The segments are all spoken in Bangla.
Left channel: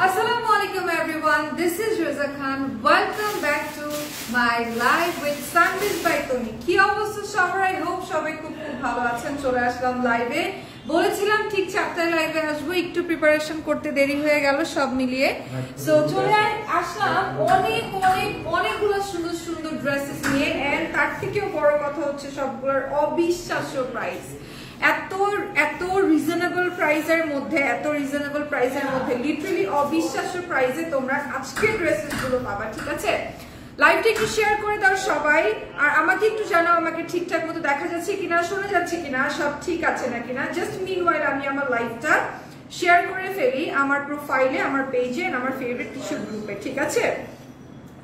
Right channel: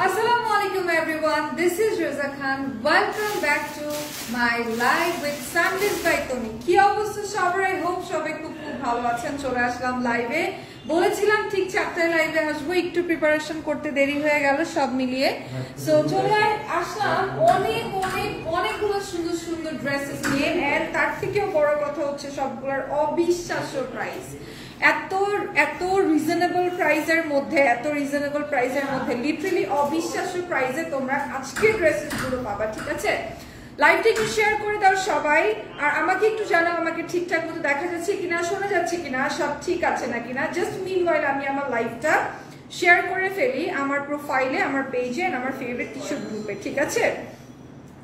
Assalamualaikum everyone, this is Raza Khan. Welcome back to my live with Sundays by Tony. কি অবস্থা সবার? I hope সবাই খুব ভালো আছেন। চলে আসলাম লাইভে, বলেছিলাম ঠিক চারটায় লাইভে আসবো, একটু প্রিপারেশন করতে দেরি হয়ে গেল সব মিলিয়ে। সো চলে আসলাম অনেকগুলো সুন্দর সুন্দর ড্রেসেস নিয়ে, এন্ড তার থেকেও বড় কথা হচ্ছে সবগুলোর অবিশ্বাস্য প্রাইস। এত রিজনেবল প্রাইসের মধ্যে লিটারালি অবিশ্বাস্য প্রাইসে তোমরা আজকের ড্রেসেস গুলো পাবা। ঠিক আছে, লাইভটা একটু শেয়ার করে দাও সবাই, আর আমাকে একটু জানাও আমাকে ঠিকঠাক মতো দেখা যাচ্ছে কিনা, শোনা যাচ্ছে কিনা, সব ঠিক আছে না কিনা। জাস্ট মিনওয়াইল আমি আমার লাইভটা শেয়ার করে ফেলি আমার প্রোফাইলে, আমার পেজে, আমার ফেভারিট কিছু গ্রুপে। ঠিক আছে,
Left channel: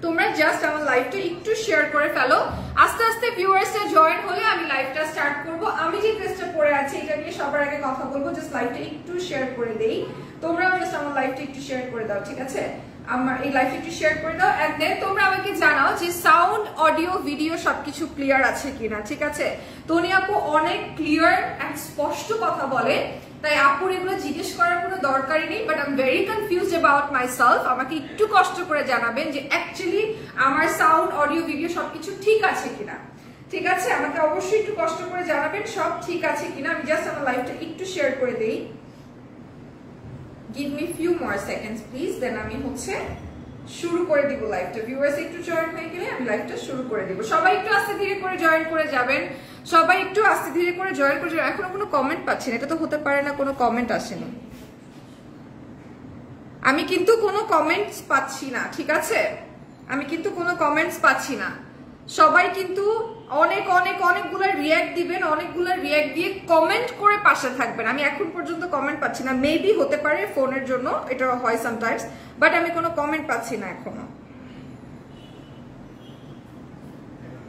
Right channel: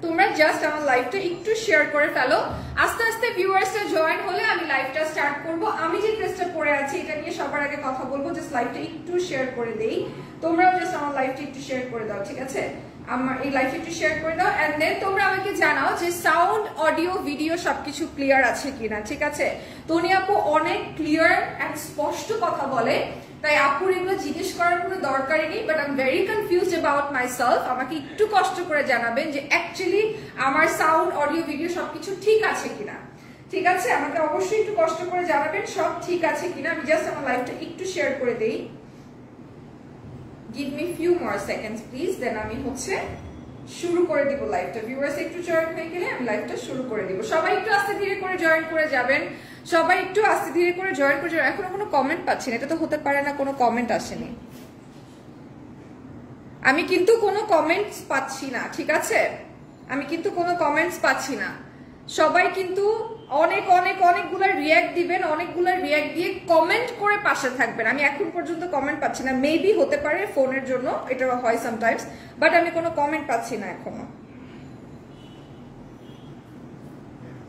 তোমরা জাস্ট আমার লাইভটা একটু শেয়ার করে ফেলো। আস্তে আস্তে ভিউয়ার্সরা জয়েন হলে আমি লাইভটা স্টার্ট করব। আমি যে ড্রেসটা পরে আছি এটা নিয়ে সবার আগে কথা বলবো, জাস্ট লাইভটা একটু শেয়ার করে দেই। তোমরাও জাস্ট আমার লাইভটা একটু শেয়ার করে দাও। ঠিক আছে, আমার এই লাইভটা একটু শেয়ার করে দাও, এন্ড দেন তোমরা আমাকে জানাও যে সাউন্ড, অডিও, ভিডিও সবকিছু ক্লিয়ার আছে কিনা। ঠিক আছে, তনি আপু অনেক ক্লিয়ার এন্ড স্পষ্ট কথা বলে, তাই আপুর এগুলো জিজ্ঞেস করার কোনো দরকারই নেই। But I am very confused about myself. আমাকে একটু কষ্ট করে জানাবেন যে অ্যাকচুয়ালি আমার সাউন্ড, অডিও, ভিডিও সবকিছু ঠিক আছে কিনা। ঠিক আছে, আমাকে অবশ্যই একটু কষ্ট করে জানাবেন সব ঠিক আছে কিনা। আমি জাস্ট আমার লাইভটা একটু শেয়ার করে দেই। Give me few more seconds please, then আমি শুরু করে দিব লাইভটা। ভিউয়ার্স একটু জয়েন হয়ে গেলে আমি লাইভটা শুরু করে দিব। সবাই একটু আস্তে ধীরে করে জয়েন করে যাবেন, সবাই একটু আস্তে ধীরে করে জয়েন করে যাবেন। এখনো কোনো কমেন্ট পাচ্ছি না, এটা তো হতে পারে না কোনো কমেন্ট আসেনি। আমি কিন্তু কোনো কমেন্টস পাচ্ছি না। ঠিক আছে, আমি কিন্তু কোনো কমেন্টস পাচ্ছি না। সবাই কিন্তু অনেকগুলা রিয়্যাক্ট দিবেন, অনেকগুলা রিয়্যাক্ট দিয়ে কমেন্ট করে পাশে থাকবেন। আমি এখন পর্যন্ত কমেন্ট পাচ্ছি না, মেবি হতে পারে ফোনের জন্য, এটা হয় সামটাইমস, বাট আমি কোনো কমেন্ট পাচ্ছি না এখনো।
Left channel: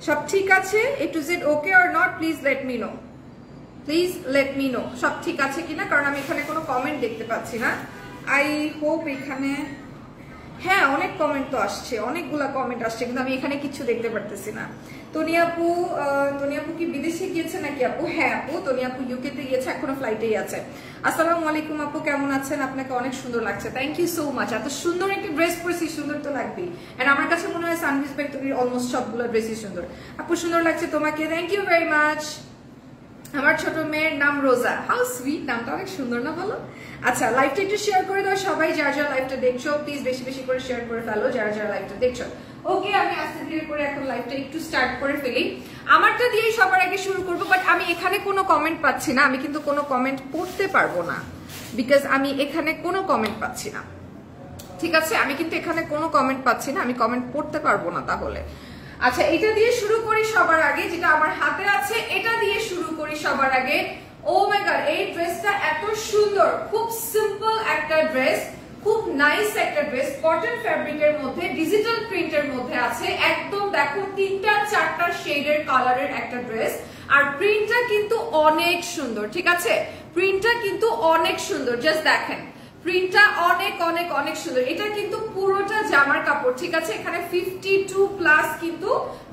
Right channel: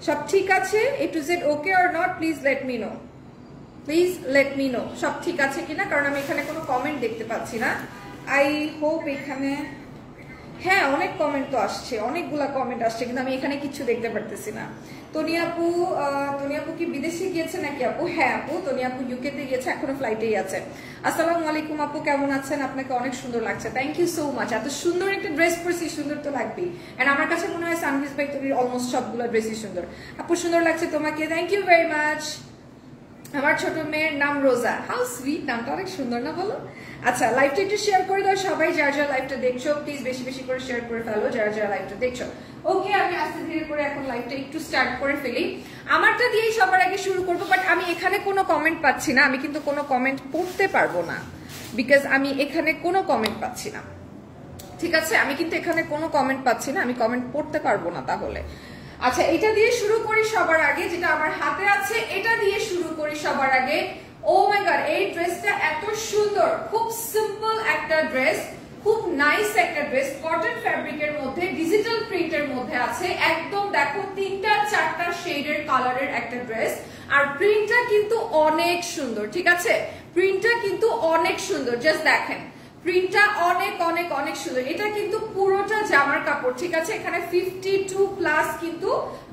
সব ঠিক আছে? It is it okay or not? Please let me no, please let me no সব ঠিক আছে কিনা, কারণ আমি এখানে কোনো কমেন্ট দেখতে পাচ্ছি না। আই হোপ এখানে, হ্যাঁ অনেক কমেন্ট তো আসছে, অনেকগুলা কমেন্ট আসছে, কিন্তু আমি এখানে কিছু দেখতে পারতেছি না। তনি আপু কি বিদেশে গিয়েছে নাকি আপু? হ্যাঁ আপু, তনি আপু ইউকে তে গিয়েছে, এখনো ফ্লাইটেই আছে। আসসালামু আলাইকুম আপু, কেমন আছেন? আপনাকে অনেক সুন্দর লাগছে, থ্যাংক ইউ সো মাচ। এত সুন্দর একটা ড্রেস পরেছি, সুন্দর তো লাগবেই। এন্ড আমার কাছে মনে হয় সানভিজ বাই তনির অলমোস্ট সবগুলো ড্রেসই সুন্দর। আপু সুন্দর লাগছে তোমাকে, থ্যাংক ইউ ভেরি মাচ। আমার ছোট মেয়ের নাম রোজা, হাউ সুইট, নামটা অনেক সুন্দর না বলো? আচ্ছা, লাইভটা একটু শেয়ার করে দাও সবাই, যারা যারা লাইভটা দেখছো প্লিজ বেশি বেশি করে শেয়ার করে ফেলো, যারা যারা লাইভটা দেখছো। ওকে, আমি আস্তে ধীরে করে এখন লাইভটা একটু স্টার্ট করে ফেলি। আমারটা দিয়েই সবার আগে শুরু করবো, বাট আমি এখানে কোনো কমেন্ট পাচ্ছি না। আমি কিন্তু কোনো কমেন্ট পড়তে পারবো না, বিকজ আমি এখানে কোনো কমেন্ট পাচ্ছি না। ঠিক আছে, আমি কিন্তু এখানে কোনো কমেন্ট পাচ্ছি না, আমি কমেন্ট পড়তে পারবো না তাহলে। আচ্ছা, এটা দিয়ে শুরু করি সবার আগে, যেটা আমার হাতে আছে এটা দিয়ে শুরু করি সবার আগে। ও মাই গড, এই ড্রেসটা এত সুন্দর, খুব সিম্পল একটা ড্রেস, খুব নাইস একটা ড্রেস, কটন ফ্যাব্রিকের মধ্যে, ডিজিটাল প্রিন্টের মধ্যে আছে। একদম দেখো 3-4টা শেডের কালারের একটা ড্রেস, আর প্রিন্টটা কিন্তু অনেক সুন্দর। ঠিক আছে, প্রিন্টটা কিন্তু অনেক সুন্দর, জাস্ট দেখেন প্রিন্টটা অনেক সুন্দর। এটা কিন্তু পুরোটা জামার কাপড়। ঠিক আছে, এখানে 52+ কিন্তু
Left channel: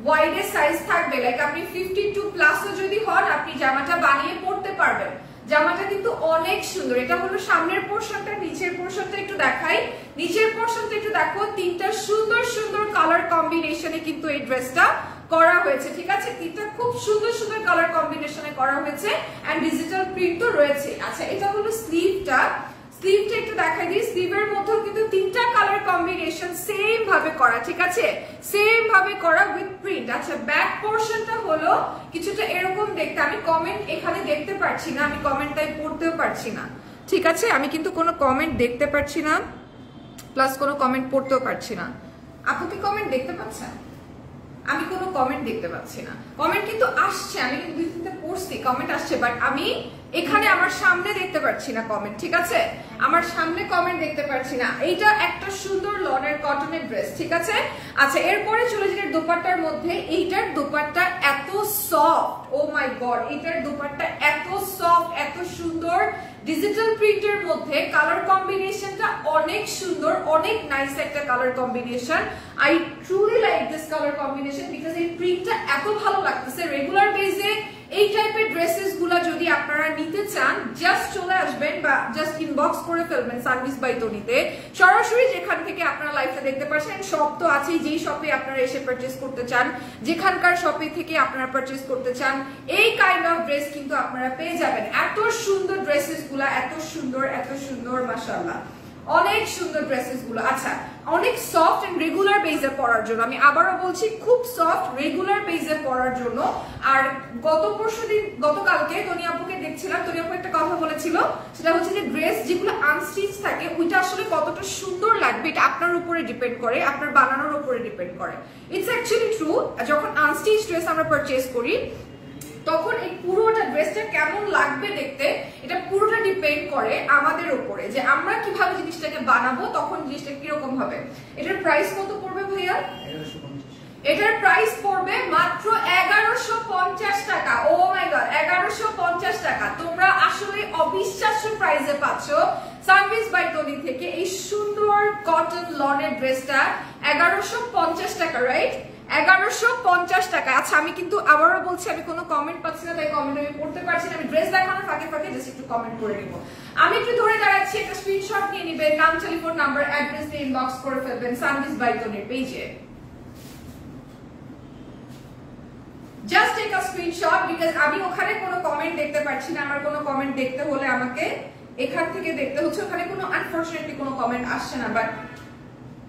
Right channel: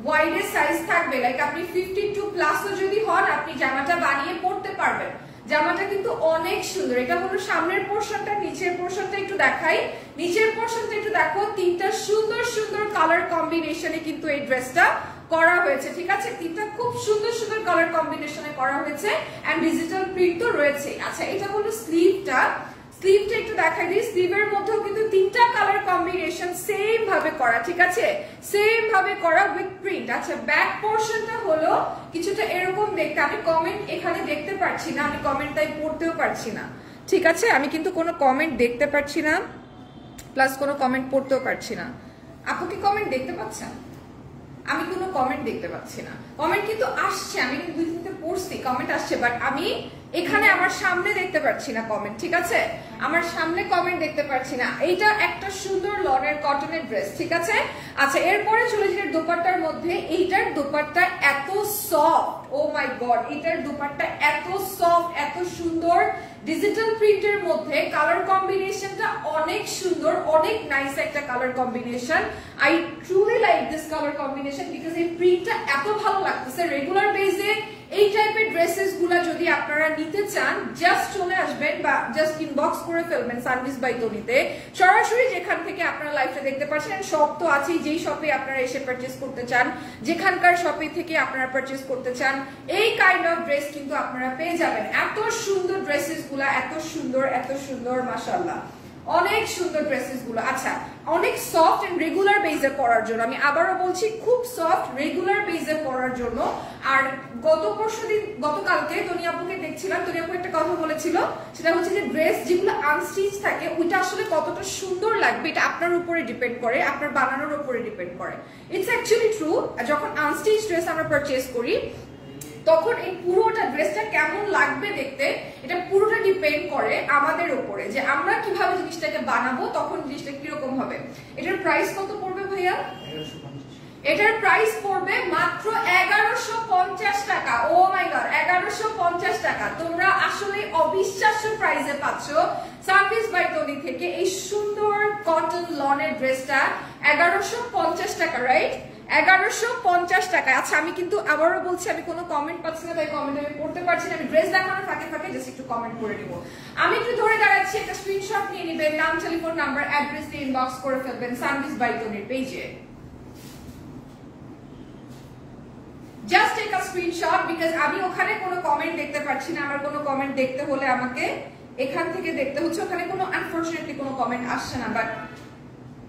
ওয়াইডের সাইজ থাকবে, লাইক আপনি 52+ যদি হন আপনি জামাটা বানিয়ে পড়তে পারবেন। জামাটা কিন্তু অনেক সুন্দর। এটা হলো সামনের পোর্শনটা, নিচের পোর্শনটা একটু দেখাই। নিচের পোর্শনটা একটু দেখো, 3টা সুন্দর সুন্দর কালার কম্বিনেশনে কিন্তু এই ড্রেসটা করা হয়েছে। ঠিক আছে, 3টা খুব সুন্দর সুন্দর কালার কম্বিনেশনে করা হয়েছে, এন্ড ডিজিটাল প্রিন্ট তো রয়েছে। আচ্ছা, এটা হলো স্লিভটা, স্লিভটা একটু দেখাই দিই। স্লিভের মধ্যেও কিন্তু 3টা কালার কম্বিনেশন সেম ভাবে করা। ঠিক আছে, সেম ভাবে করা উইথ প্রিন্ট। আচ্ছা, ব্যাক পোর্শনটা হলো কিছুটা এরকম দেখতে। আমি কমেন্ট এখানে দেখতে পাচ্ছি না, আমি কমেন্ট তাই পড়তেও পারছি না। ঠিক আছে, আমি কিন্তু কোনো কমেন্ট দেখতে পাচ্ছি না, প্লাস কোনো কমেন্ট পড়তেও পারছি না। আপু কি কমেন্ট দেখতে পাচ্ছেন? আমি কোনো কমেন্ট দেখতে পাচ্ছি না। কমেন্ট কিন্তু আসছে, আমি কিন্তু 2-3টা পড়ছি, কমেন্ট আসছে, বাট আমি এখানে আমার সামনে দেখতে পাচ্ছি না কমেন্ট। ঠিক আছে, আমার সামনে কমেন্ট দেখতে পাচ্ছি না। এইটা একটা সুন্দর লনের কটনের ড্রেস। ঠিক আছে, আচ্ছা এরপরে চলে যাই দোপাট্টার মধ্যে। এইটার দোপাট্টা এত সফট, ও মাই গড, এইটার দোপাট্টা এত সফট, এত সুন্দর, ডিজিটাল প্রিন্টের মধ্যে কালার কম্বিনেশনটা অনেক সুন্দর, অনেক নাইস একটা colour combination. I truly like this colour combination because এই প্রিন্টটা এত ভালো লাগতেছে। রেগুলার বেসে এই টাইপের ড্রেসেস গুলা যদি আপনারা নিতে চান জাস্ট চলে আসবেন বা জাস্ট ইনবক্স করে ফেলবেন সানভিস বাই তনিতে, সরাসরি যেখান থেকে আপনারা লাইভটা দেখতে পাচ্ছেন। শপ তো আছেই, যেই শপে আপনারা এসে পারচেস করতে চান, যেখানকার শপে থেকে আপনারা পারচেস করতে চান, এই কাইন্ড অফ ড্রেস কিন্তু আপনারা পেয়ে যাবেন। এত সুন্দর ড্রেসেস গুলা, এত সুন্দর মাশাআল্লাহ, অনেক সুন্দর ড্রেসেস গুলো। আচ্ছা, অনেক সফট এন্ড রেগুলার বেজে পরার জন্য, আমি আবারও বলছি খুব সফট রেগুলার বেজে পরার জন্য। আর গতকালকে তনি আপুকে দেখছিলাম, তনি আপু একটা কথা বলেছিল, সেটা হচ্ছে যে ড্রেস যেগুলো আনস্টিচ থাকে ওইটা আসলে কতটা সুন্দর লাগবে এটা আপনার উপরে ডিপেন্ড করে, আপনার বানানোর উপরে ডিপেন্ড করে। ইটস অ্যাকচুয়ালি ট্রু, যখন আনস্টিচ ড্রেস আমরা পারচেস করি তখন এই পুরোটা ড্রেসটা কেমন লাগবে দেখতে, এটা পুরোটা ডিপেন্ড করে আমাদের উপরে, যে আমরা কিভাবে জিনিসটাকে বানাবো, তখন জিনিসটা কিরকম হবে। এটার প্রাইস কত পড়বে ভাইয়া? এটার প্রাইস পড়বে মাত্র 1150 টাকা। ও মাই গড, 1150 টাকা। তোমরা আসলে অবিশ্বাস্য প্রাইসে পাচ্ছ সানভিস বাই তনি থেকে এই সুন্দর কটন লনের ড্রেসটা 1150 টাকা, রাইট? 1150 টাকা। আচ্ছা, আমি কিন্তু আবারও বলছি, আমি কোনো কমেন্ট পাচ্ছি না, তাই কমেন্ট আমি পড়তে পারছি না। আমি ড্রেস দেখানোর ফাঁকে জাস্ট একটু কমেন্ট করে নিব। আমি একটু ধরে দাঁড়াচ্ছি, একটা স্ক্রিনশট নিয়ে নিবেন, নাম, টেলিফোন নাম্বার, অ্যাড্রেস দিয়ে ইনবক্স করে ফেলবেন সানভিস বাই তনির পেজে। Just take a screenshot, because আমি ওখানে কোনো কমেন্ট দেখতে পাচ্ছি না। আমার কোনো কমেন্ট দেখতে হলে আমাকে এখান থেকে দেখতে হচ্ছে, ওখানে কোনো আনফরচুনেটলি কোনো কমেন্ট আসছে না। বাট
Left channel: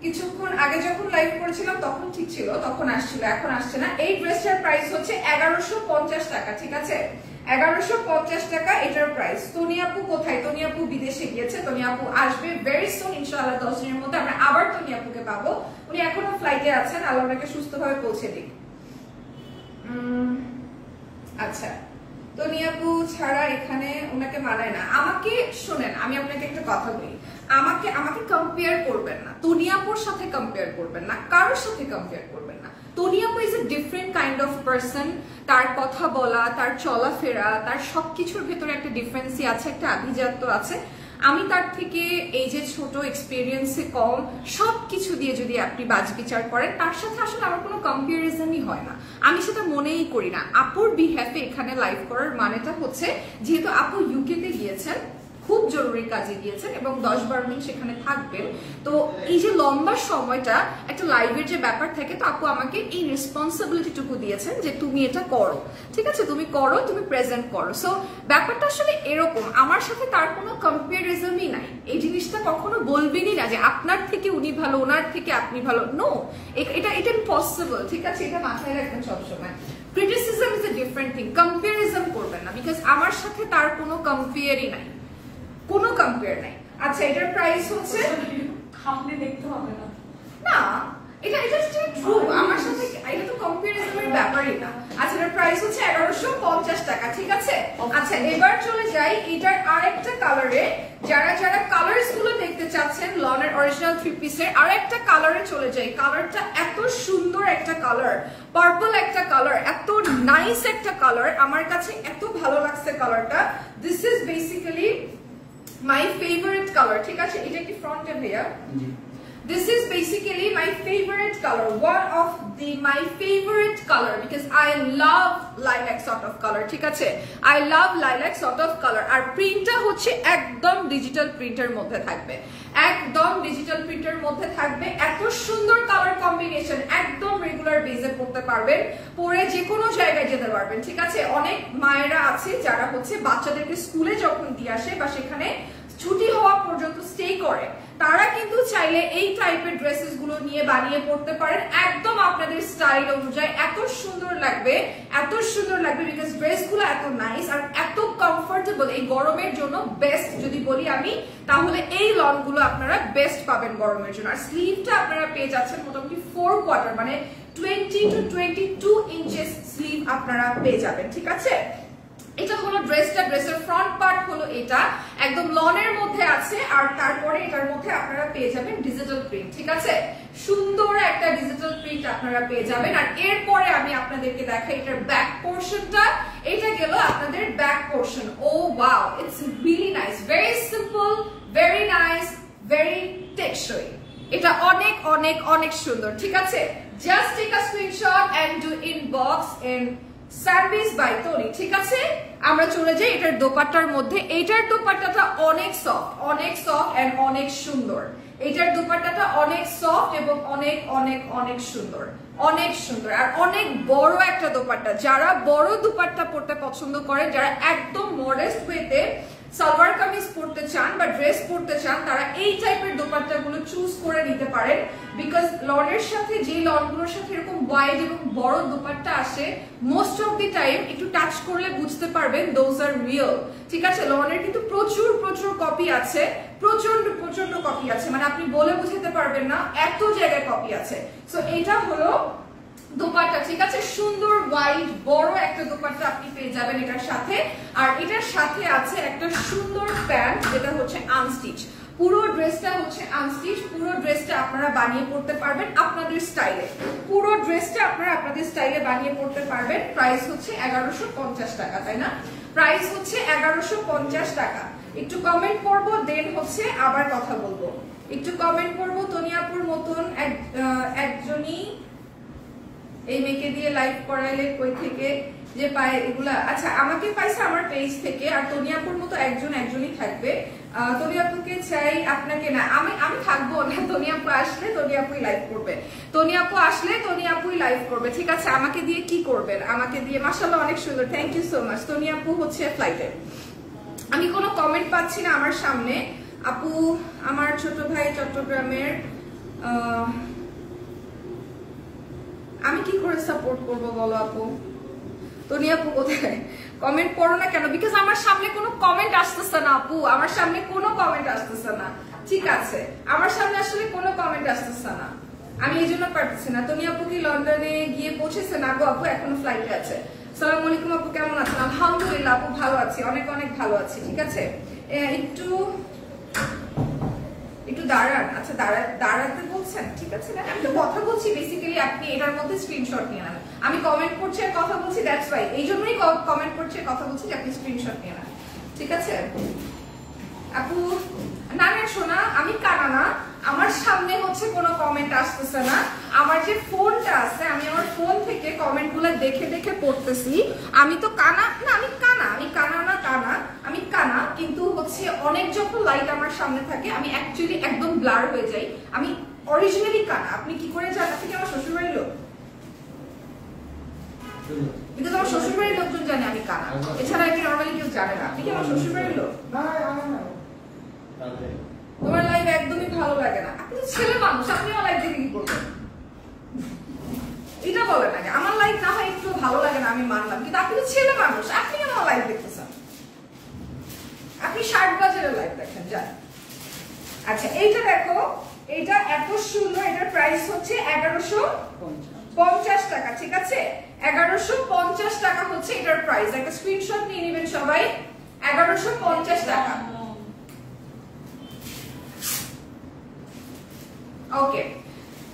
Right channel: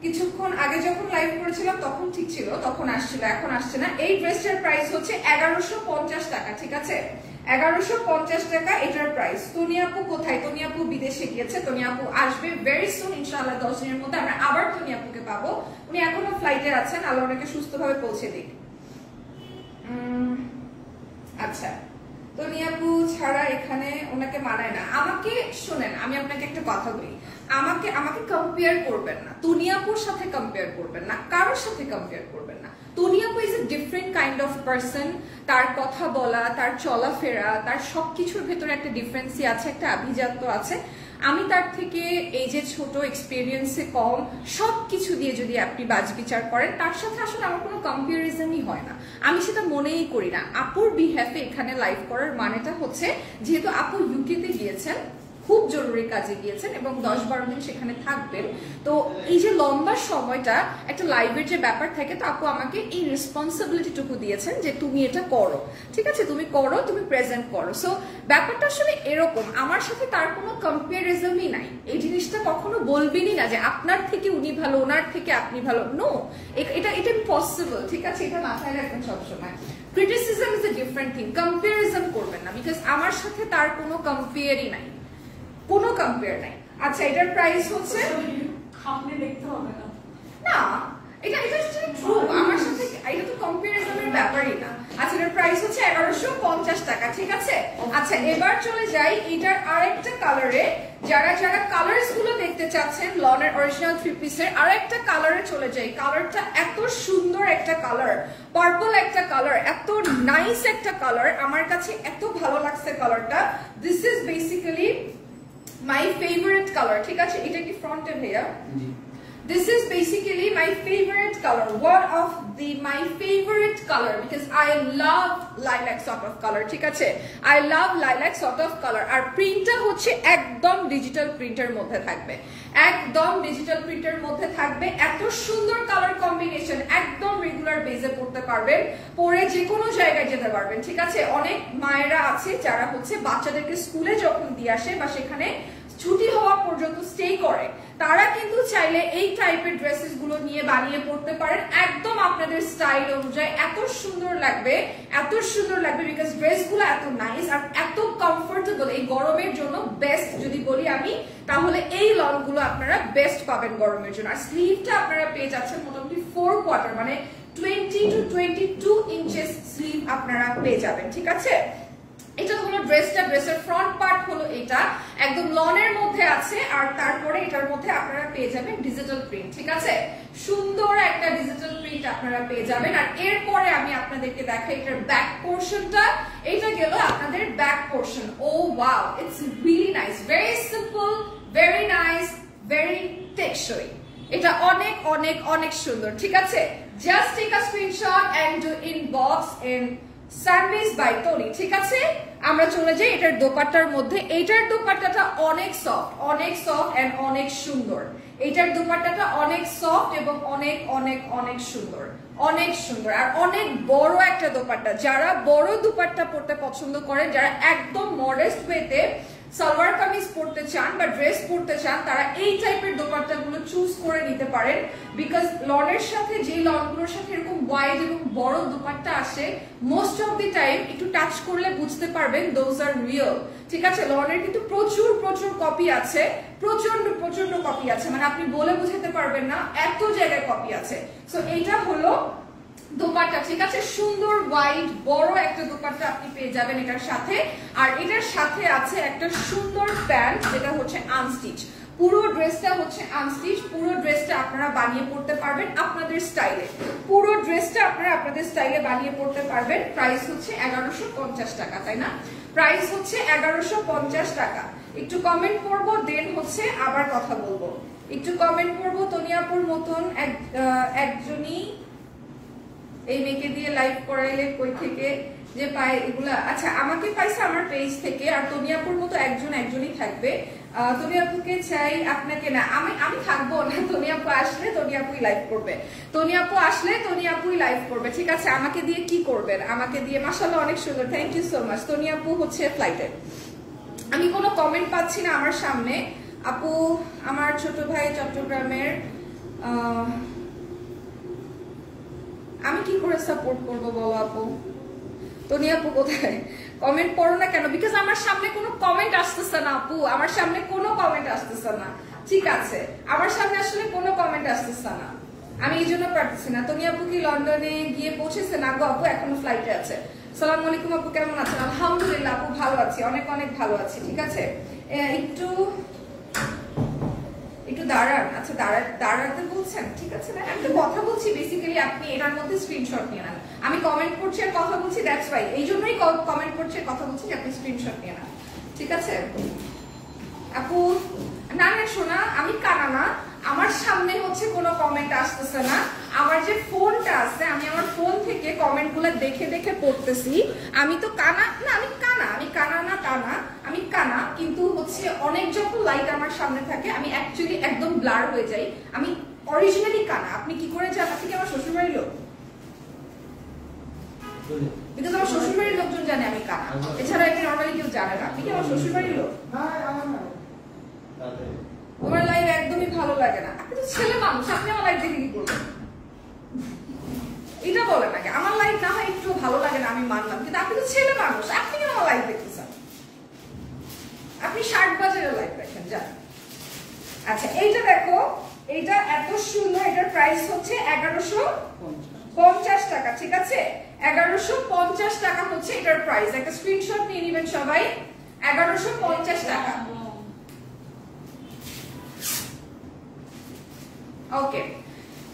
কিছুক্ষণ আগে যখন লাইভ করেছিলাম তখন ঠিক ছিল, তখন আসছিল, এখন আসছে না। এই ড্রেসটার প্রাইস হচ্ছে 1150 টাকা, ঠিক আছে? 1150 টাকা এটার প্রাইস। তনি আপু কোথায়? তনি আপু বিদেশে গিয়েছে, তনি আপু আসবে ভেরি সুন ইনশাআল্লাহ, 10 দিনের মধ্যে আমরা আবার তনি আপুকে পাবো। উনি এখনো ফ্লাইটে আছেন, আল্লাহ ওনাকে সুস্থভাবে পৌঁছে দিক। আচ্ছা, তনি আপু ছাড়া এখানে ওনাকে মানায় না। আমাকে শোনেন, আমি আপনাকে একটা কথা বলি, আমাকে কম্পেয়ার করবেন না, তনি আপুর সাথে কম্পেয়ার করবেন না, কারোর সাথে কম্পেয়ার করবেন না। তনি আপু is a different kind of person. তার কথা বলা, তার চলাফেরা, তার সবকিছুর ভেতরে একটা ডিফারেন্সই আছে, একটা আভিজাত্য আছে। আমি তার থেকে এই যে ছোট, এক্সপিরিয়েন্সে কম, সবকিছু দিয়ে যদি আপনি বাজ বিচার করেন, তার সাথে আসলে আমার কোনো কম্পারিজনই হয় না, আমি সেটা মনেই করি না। আপুর বিহ্যাফে এখানে লাইভ করার মানেটা হচ্ছে, যেহেতু আপু ইউকেতে গিয়েছেন, খুব জরুরি কাজে গিয়েছেন এবং 10-12 দিন সেখানে থাকবেন, তো এই যে লম্বা সময়টা একটা লাইভের যে ব্যাপার থাকে, তো আপু আমাকে এই রেসপন্সিবিলিটিটুকু দিয়েছেন যে তুমি এটা করো, ঠিক আছে, তুমি করো, তুমি প্রেজেন্ট করো। সো ব্যাপারটা আসলে এরকম, আমার সাথে তার কোনো কম্পারিজনই নাই। এই জিনিসটা কখনো বলবেনই না যে আপনার থেকে উনি ভালো, ওনার থেকে আপনি ভালো, নো, এটা ইম্পসিবল, ঠিক আছে? এটা মাথায় রাখবেন সবসময়। Criticism is a different thing, comparison করবেন না, বিকজ আমার সাথে তার কোনো কম্পেয়ারই নাই, কোনো কম্পেয়ার নাই। আচ্ছা, এটার প্রাইস হচ্ছে, আপনি দেখতে হবে না, না এটা ট্রু, আমার সাথে এটা তো কম্পারিজনের ব্যাপারই না। আচ্ছা, এটার প্রাইস হচ্ছে 1150 টাকা, ঠিক আছে? আচ্ছা, এবার চলে যাই এটার আরেকটা কালারে। যারা কালার্স গুলো দেখতে চাচ্ছেন লনের অরিজিনাল 3 পিসের, আরেকটা কালারে চলে যাই। কালারটা এত সুন্দর একটা কালার, পার্পল একটা কালার, এত নাইস একটা কালার, আমার কাছে এত ভালো লাগছে কালারটা। This is basically my favorite color, ঠিক আছে? এটা কি ফ্রন্টে ভাইয়া? This is basically my favorite color, one of my favorite color, because I love lilac sort of color, ঠিক আছে? I love lilac sort of color. আর প্রিন্টটা হচ্ছে একদম ডিজিটাল প্রিন্টের মধ্যে থাকবে, একদম ডিজিটাল প্রিন্টের মধ্যে থাকবে। এত সুন্দর কালার কম্বিনেশন, একদম রেগুলার বেজে পড়তে পারবেন, পরে যে কোনো জায়গায় যেতে পারবেন, ঠিক আছে? অনেক মায়েরা আছে যারা হচ্ছে বাচ্চাদেরকে স্কুলে যখন দিয়ে আসে বা সেখানে ছুটি হওয়া পর্যন্ত স্টে করে, তারা কিন্তু চাইলে এই টাইপের ড্রেসেস গুলো নিয়ে বানিয়ে পড়তে পারেন, একদম আপনাদের স্টাইল অনুযায়ী। এত সুন্দর লাগবে, এত সুন্দর লাগবে, বিকজ ড্রেস গুলো এত নাইস আর এত কমফোর্টেবল। এই গরমের জন্য বেস্ট যদি বলি আমি, তাহলে এই লন গুলো আপনারা বেস্ট পাবেন গরমের জন্য। আর স্লিভটা আপনারা পেয়ে যাচ্ছেন মোটামুটি 4 কোয়ার্টার, মানে 20 to 22 ইঞ্চেস স্লিভ আপনারা পেয়ে যাবেন, ঠিক আছে? এটা হলো ড্রেসটা, ড্রেসের ফ্রন্ট পার্ট হলো এটা, একদম লনের মধ্যে আছে। আর তারপরে এটার মধ্যে আপনারা পেয়ে যাবেন ডিজিটাল প্রিন্ট, ঠিক আছে? সুন্দর একটা ডিজিটাল প্রিন্ট আপনারা পেয়ে যাবেন। আর এরপরে আমি আপনাদেরকে দেখাই এটার ব্যাক পোর্শনটা। এটা গেল আপনাদের back portion. Oh wow, it's really nice, very simple, very nice, very টেকসই। এটা অনেক অনেক অনেক সুন্দর, ঠিক আছে? Just take a screenshot and do inbox in sandwich by Tony, ঠিক আছে। আমরা চলে যাই এটার দোপাট্টার মধ্যে। এইটার দোপাট্টাটা অনেক সফট এন্ড অনেক সুন্দর। এটার দোপাট্টাটা অনেক সফট এবং অনেক অনেক অনেক সুন্দর, অনেক সুন্দর আর অনেক বড় একটা দোপাট্টা। যারা বড় দোপাট্টা পরতে পছন্দ করেন, যারা একদম মডেস্ট ওয়েতে সালোয়ার কামিজ পরতে চান বা ড্রেস পরতে চান, তারা এই টাইপের দোপাট্টাগুলো চুজ করে নিতে পারেন। বিকজ লনের সাথে যে লনগুলোর সাথে এরকম ওয়াইড এবং বড় দোপাট্টা আসে, মোস্ট অফ দি টাইম একটু টাচ করলে বুঝতে পারবেন দোজ আর রিয়েল, ঠিক আছে। লনের কিন্তু প্রচুর প্রচুর কপি আছে, প্রচন্ড প্রচন্ড কপি আছে, মানে আপনি বলে বুঝাতে পারবেন না, এত জায়গায় কপি আছে। সো এইটা হলো দোপাট্টা, ঠিক আছে। সুন্দর ওয়াইড বড় একটা দোপাট্টা আপনি পেয়ে যাবেন এটার সাথে। আর এটার সাথে আছে একটা সুন্দর প্যান্ট, যেটা হচ্ছে আনস্টিচ। পুরো ড্রেসটা হচ্ছে আনস্টিচ। পুরো ড্রেসটা আপনারা বানিয়ে পড়তে পারবেন আপনাদের স্টাইলে। পুরো ড্রেসটা আপনারা আপনাদের স্টাইলে বানিয়ে পড়তে পারবেন। প্রাইস হচ্ছে 1150 টাকা, তাই না? প্রাইস হচ্ছে 1150 টাকা। একটু কমেন্ট করবো, দেন হচ্ছে আবার কথা বলবো। একটু কমেন্ট করবো। তনিয়াপুর মতন একজনই এই মেয়েকে দিয়ে লাইভ করাইলে কই থেকে যে পায় এগুলা? আচ্ছা, আমাকে পাইছে আমার পেজ থেকে। আর তনিয়াপুর মতো একজনই থাকবে। তনিয়াপুকে চাই, আপনাকে না। আমি থাকবো না। তনিয়াপু আসলে তনিয়াপুই লাইভ করবে। তনিয়াপু আসলে তনিয়াপুই লাইভ করবে, ঠিক আছে। আমাকে দিয়ে কি করবেন? আমাকে দিয়ে মাশাআল্লাহ অনেক সুন্দর, থ্যাংক ইউ সো মাচ। তনিয়াপু হচ্ছে ফ্লাইটে। আমি কোনো কমেন্ট পাচ্ছি না আমার সামনে। আপু, আমার ছোট ভাই চট্টগ্রামের, আমি কি করে সাপোর্ট করবো বলো আপু? তনি আপু কোথায়? কমেন্ট করো না কেন? বিকজ আমার সামনে কোনো কমেন্ট আসতেছে না আপু, আমার সামনে কোনো কমেন্ট আসতেছে না, ঠিক আছে। আমার সামনে আসলে কোনো কমেন্ট আসতেছে না, আমি এই জন্য পারতেছি না। তনি আপু কি লন্ডনে গিয়ে পৌঁছেছে? না গো আপু, এখনো ফ্লাইটে আছে। সালাম আলাইকুম আপু, কেমন আছেন? আলহামদুলিল্লাহ আপু, ভালো আছি, অনেক অনেক ভালো আছি, ঠিক আছে। একটু দাঁড়ান। আচ্ছা, দাঁড়াতে বলছেন, ঠিক আছে না? আমি তো কথা বলছি, বেসিক্যালি আপনি এটার মধ্যে স্ক্রিনশট নিয়ে নেন। আমি কমেন্ট করছি আর কথা বলছি, দ্যাটস রাইট। এই জন্যই কমেন্ট করছি আর কথা বলছি যে আপনি স্ক্রিনশট নিয়ে নেন, ঠিক আছে আপু। না না শোনা, আমি কানা না, আমার সামনে হচ্ছে কোনো কমেন্ট আসতেছে না। আমার যে ফোনটা আছে, আমি আমার ফোন থেকে কমেন্ট গুলো দেখে দেখে পড়তেছি। আমি তো কানা না, আমি কানা, কিন্তু হচ্ছে অনেক যখন লাইট আমার সামনে থাকে, আমি অ্যাকচুয়ালি একদম ব্লার হয়ে যাই। আমি অরিজিনালি কানা। আপনি কি করে জানেন? আপনি কি আমার শ্বশুরবাড়ির লোক? কিন্তু আমার শ্বশুরবাড়ির লোকজন জানে আমি কানা, এছাড়া কি নর্মালি কেউ জানে না। আপনি কি আমার শ্বশুরবাড়ির লোক? তোমার লাইভ একদমই ভালো লাগে না। আপনি তো ছেলে মানুষ, আপনি আমার লাইভ দেখে কি করবেন? এটা বলেন নাকি? আমার লাইভ না হয় একটু ভালো লাগে না, আমি মানলাম, কিন্তু আপনি তো ছেলে মানুষ, আপনি কেন আমার লাইভ দেখতেছেন? আপনি 60 বাজারের লাইভ দেখেন, যান। আচ্ছা, এইটা দেখো, এইটা এত সুন্দর। এটার প্রাইস হচ্ছে 1150 টাকা, ঠিক আছে। 1150 টাকা হচ্ছে এটার প্রাইস। একটা স্ক্রিনশট নিয়ে নেবেন সবাই। 1150 টাকা। ওকে,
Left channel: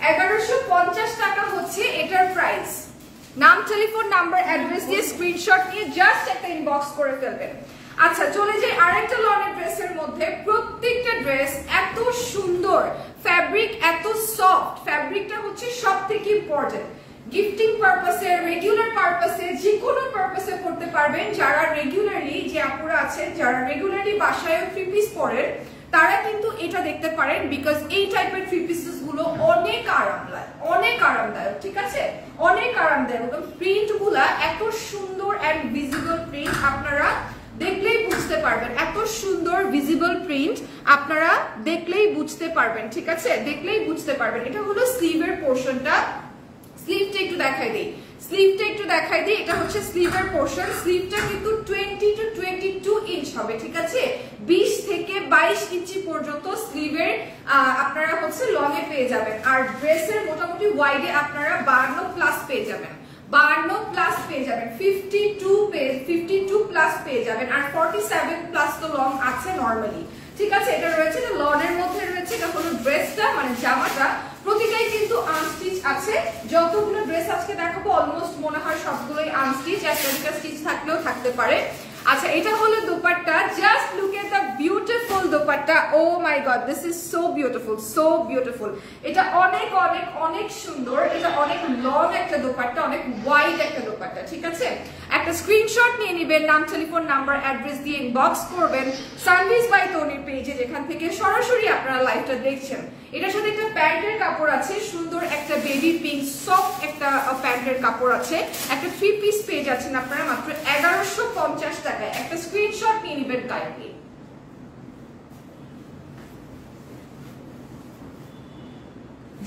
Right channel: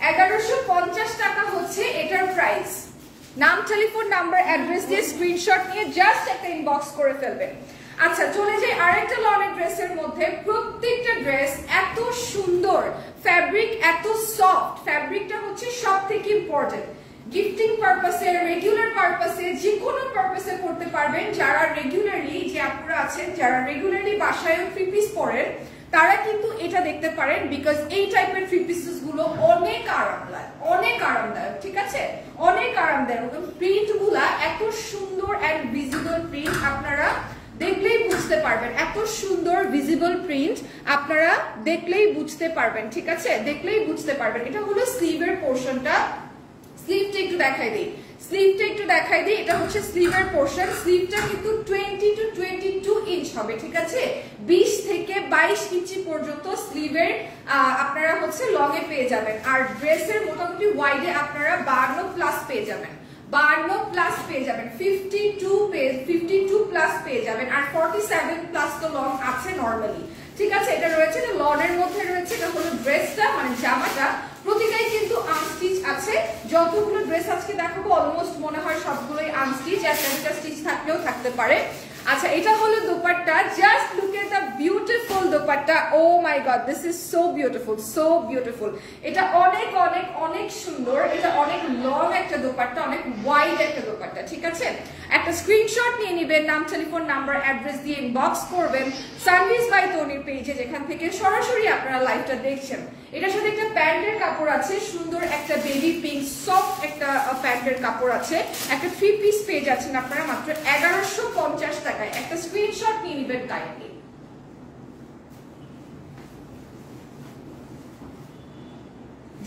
1150 টাকা হচ্ছে এটার প্রাইস। নাম, টেলিফোন নাম্বার, অ্যাড্রেস দিয়ে স্ক্রিনশট নিয়ে জাস্ট একটা ইনবক্স করে ফেলবেন। আচ্ছা, চলে যাই আরেকটা লনের ড্রেসের মধ্যে। প্রত্যেকটা ড্রেস এত সুন্দর, ফ্যাব্রিক এত সফট। ফ্যাব্রিকটা হচ্ছে সব থেকে ইম্পর্টেন্ট। গিফটিং পারপাসে, রেগুলার পারপাসে, যে কোনো পারপাসে করতে পারবেন। যারা রেগুলারলি, যে আপুরা আছেন যারা রেগুলারলি বাসায় 3 পিস পরেন, তারা কিন্তু এটা দেখতে পারেন। বিকজ এই টাইপের 3 পিসেস গুলো অনেক আরামদায়ক, ঠিক আছে, অনেক আরামদায়ক। এবং প্রিন্ট গুলা এত সুন্দর এন্ড ভিজিবল প্রিন্ট, আপনারা দেখলেই বুঝতে পারবেন। এত সুন্দর ভিজিবল প্রিন্ট আপনারা দেখলেই বুঝতে পারবেন, ঠিক আছে, দেখলেই বুঝতে পারবেন। এটা হলো স্লিভের পোর্শনটা। স্লিভটা একটু দেখাই দিই। এটা হচ্ছে স্লিভের পোর্শন। স্লিভটা কিন্তু 20 to 22 ইঞ্চ হবে, ঠিক আছে। 20 থেকে 22 ইঞ্চি পর্যন্ত স্লিভের আপনারা হচ্ছে লং এ পেয়ে যাবেন। আর ড্রেসের মোটামুটি ওয়াইডে আপনারা 52 প্লাস পেয়ে যাবেন। 52 প্লাস পেয়ে যাবেন, 52 প্লাস পেয়ে যাবেন। আর 47 প্লাস তো লং আছে নর্মালি, ঠিক আছে। এটা রয়েছে, এটা লনের মধ্যে রয়েছে। এটা হলো ড্রেসটা, মানে জামাটা। প্রতিটাই কিন্তু আনস্টিচ আছে। যতগুলো ড্রেস আজকে দেখাবো অলমোস্ট মনে হয় সবগুলোই আনস্টিচ, একটা দুটা স্টিচ থাকলেও থাকতে পারে। আচ্ছা, এটা হলো dupatta. Just look at the beautiful dupatta. Dupatta, oh my god, this is so beautiful, so beautiful. এটা অনেক অনেক অনেক সুন্দর, এটা অনেক লং একটা দোপাট্টা, অনেক ওয়াইড একটা দোপাট্টা, ঠিক আছে। একটা স্ক্রিনশট নিয়ে নিবেন, নাম, টেলিফোন নাম্বার, অ্যাড্রেস দিয়ে ইনবক্স করবেন সানভিজ বাই তনির পেজে, যেখান থেকে সরাসরি আপনারা লাইভটা দেখছেন। এটার সাথে একটা প্যান্টের কাপড় আছে, সুন্দর একটা বেবি পিঙ্ক সফট একটা প্যান্টের কাপড় আছে, একটা 3 পিস পেজ আছেন আপনারা মাত্র 1150 টাকায়। একটা স্ক্রিনশট নিয়ে নিবেন কাইন্ডলি।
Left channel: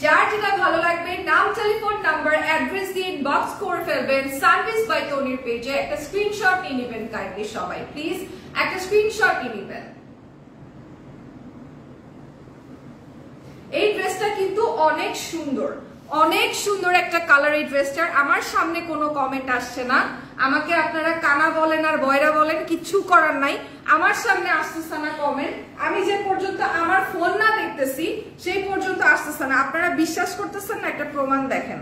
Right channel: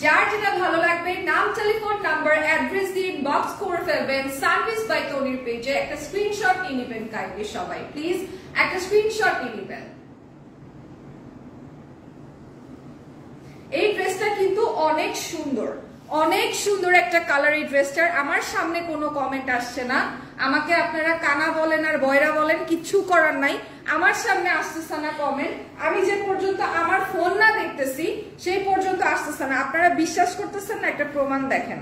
যার যেটা ভালো লাগবে নাম, টেলিফোন নাম্বার, অ্যাড্রেস দিয়ে ইনবক্স করে ফেলবেন সানভিজ বাই তনির পেজে। একটা স্ক্রিনশট নিয়ে নিবেন কাইন্ডলি সবাই, প্লিজ একটা স্ক্রিনশট নিয়ে নিবেন। এই ড্রেসটা কিন্তু অনেক সুন্দর, অনেক সুন্দর একটা কালার এই ড্রেসটার। আমার সামনে কোনো কমেন্ট আসছে না, আমাকে আপনারা কানা বলেন আর বয়রা বলেন, কিচ্ছু করার নাই, আমার সামনে আসতেছে না কমেন্ট। আমি যে পর্যন্ত আমার ফোন না দেখতেছি সেই পর্যন্ত আসতেছে না। আপনারা বিশ্বাস করতেছেন না, একটা প্রমাণ দেখেন,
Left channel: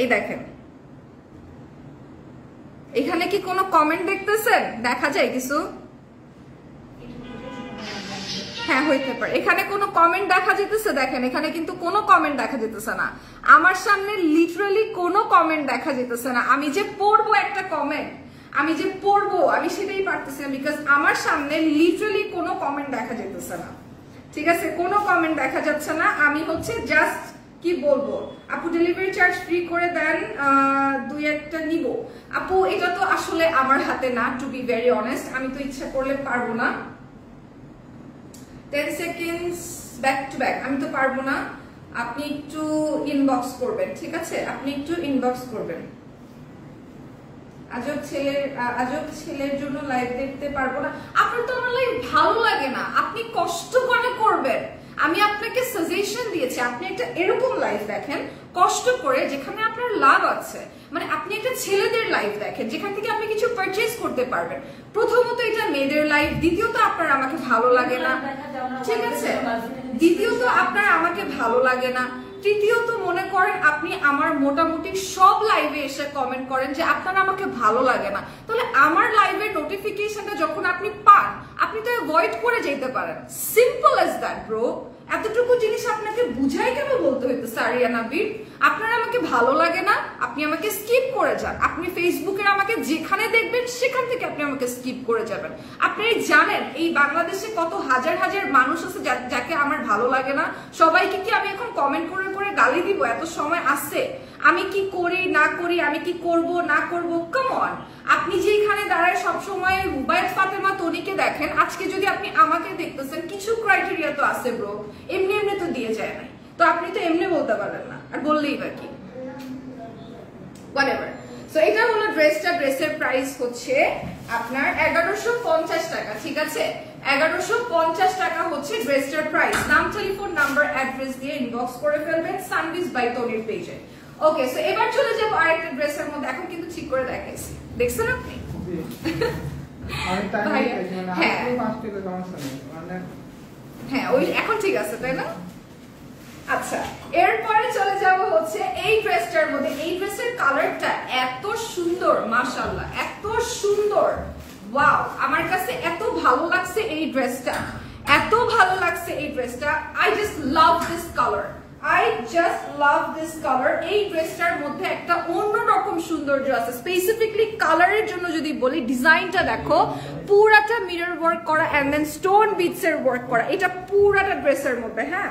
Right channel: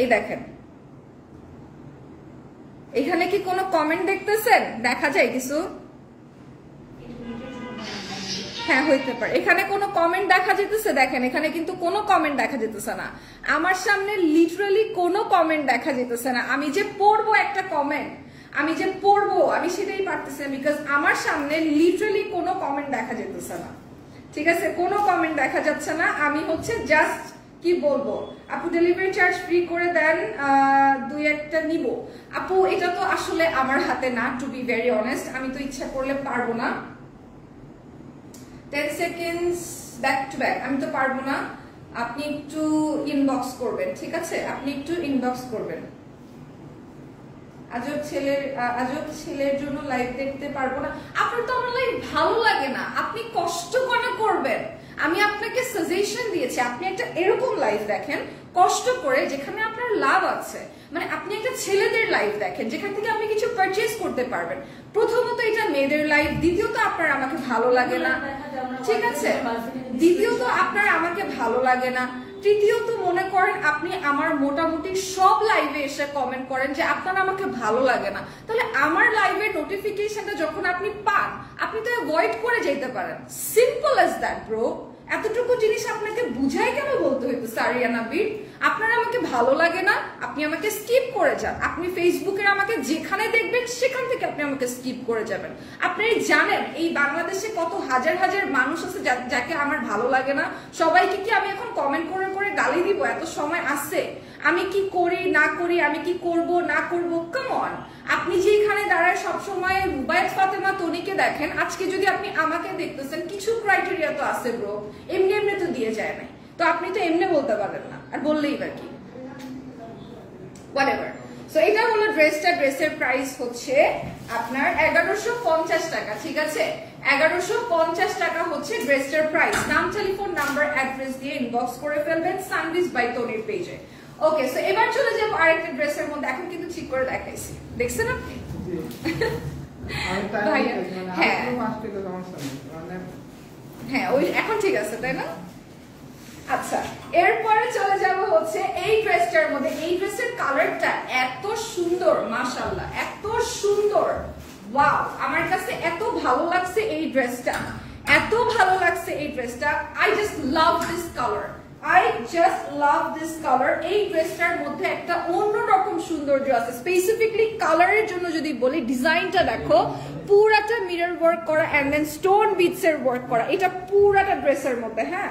এই দেখেন, এখানে কি কোনো কমেন্ট দেখতেছেন? দেখা যায় কিছু? হ্যাঁ হইতে পারে, এখানে কোনো কমেন্ট দেখা যেতেছে? দেখেন এখানে কিন্তু কোনো কমেন্ট দেখা যেতেছে না, আমার সামনে লিটারালি কোনো কমেন্ট দেখা যেতেছে না। আমি যে পড়বো একটা কমেন্ট, আমি যে পড়বো আমি সেটাই পারতেছি না, বিকজ আমার সামনে লিটারালি কোনো কমেন্ট দেখা যেতেছে না, ঠিক আছে, কোনো কমেন্ট দেখা যাচ্ছে না। আমি হচ্ছে জাস্ট কি বলবো, আপু ডেলিভারি চার্জ ফ্রি করে দেন, 2-1টা নিব। আপু এটা তো আসলে আমার হাতে না, টু বি ভেরি অনেস্ট, আমি তো ইচ্ছা করলে পারবো না। 10 সেকেন্ডস ব্যাক টু ব্যাক, আমি তো পারবো না, আপনি একটু ইনবক্স করবেন, ঠিক আছে, আপনি একটু ইনবক্স করবেন। আজব ছেলের জন্য লাইভ দেখতে পারবো না, আপনার তো আমার লাইভ ভালো লাগে না, আপনি কষ্ট করে করবেন। আমি আপনাকে সাজেশন দিয়েছি, আপনি একটা এরকম লাইভ দেখেন কষ্ট করে, যেখানে আপনার লাভ আছে, মানে আপনি একটা ছেলেদের লাইভ দেখেন যেখান থেকে আপনি কিছু পারচেজ করতে পারবেন। প্রথমত এটা মেয়েদের লাইভ, দ্বিতীয়ত আপনার আমাকে ভালো লাগে না, ঠিক আছে, দ্বিতীয়ত আপনার আমাকে ভালো লাগে না, তৃতীয়ত মনে করেন আপনি আমার মোটামুটি সব লাইভে এসে কমেন্ট করেন যে আপনার আমাকে ভালো লাগে না, তাহলে আমার লাইভের নোটিফিকেশনটা যখন আপনি পান আপনি তো অ্যাভয়েড করে যেতে পারেন, সিম্পল অ্যাজ দ্যাট ব্রো। এতটুকু জিনিস আপনাকে বুঝাই কেন বলতে হইতেছে আরিয়ানা বীর? আপনার আমাকে ভালো লাগে না, আপনি আমাকে স্কিপ করে যান, আপনি ফেসবুকে আমাকে যেখানে দেখবেন সেখান থেকে আপনি আমাকে স্কিপ করে যাবেন। আপনি জানেন এই বাংলাদেশে কত হাজার হাজার মানুষ আছে যাকে আমার ভালো লাগে না, সবাইকে কি আমি এখন কমেন্ট করে করে গালি দিব? এত সময় আছে? আমি কি করি না করি, আমি কি করব না করব, কাম অন। আপনি যে এখানে দাঁড়ায় সবসময় রুবায়েত ফাতেমা তনিকে দেখেন, আজকে যদি আপনি আমাকে দেখতেছেন, কিছু ক্রাইটেরিয়া তো আছে ব্রো, এমনি এমনি তো দিয়ে যায় না, তো আপনি তো এমনি বলতে পারেন না, আর বললেই বা কি, হোয়াটএভার। সো এটা হলো ড্রেসটা, ড্রেসের প্রাইস হচ্ছে আপনার 1150 টাকা, ঠিক আছে, 1150 টাকা হচ্ছে ড্রেসটার প্রাইস। নাম, টেলিফোন নাম্বার, অ্যাড্রেস দিয়ে ইনবক্স করে ফেলবেন সানভিজ বাই তনির পেজে। ওকে, সো এবার চলে যাবো আরেকটা ড্রেসের মধ্যে, এখন কিন্তু ঠিক করে দেখাইছি, দেখছেন আপনি? হ্যাঁ ওই এখন ঠিক আছে, তাই না? আচ্ছা, এরপরে চলে যাব হচ্ছে এই ড্রেসটার মধ্যে। এই ড্রেসের কালারটা এত সুন্দর, মাশাআল্লাহ, এত সুন্দর, ওয়াও, আমার কাছে এত ভালো লাগছে এই ড্রেসটা, এত ভালো লাগছে এই ড্রেসটা। I just love this colour, I just love this color. এই ড্রেসটার মধ্যে একটা অন্যরকম সৌন্দর্য আছে, স্পেসিফিকলি কালারের জন্য যদি বলি, ডিজাইনটা দেখো, পুরাটা মিরর ওয়ার্ক করা এন্ড দেন স্টোন বিটস এর ওয়ার্ক করা, এটা পুরাটা ড্রেসের মধ্যে, হ্যাঁ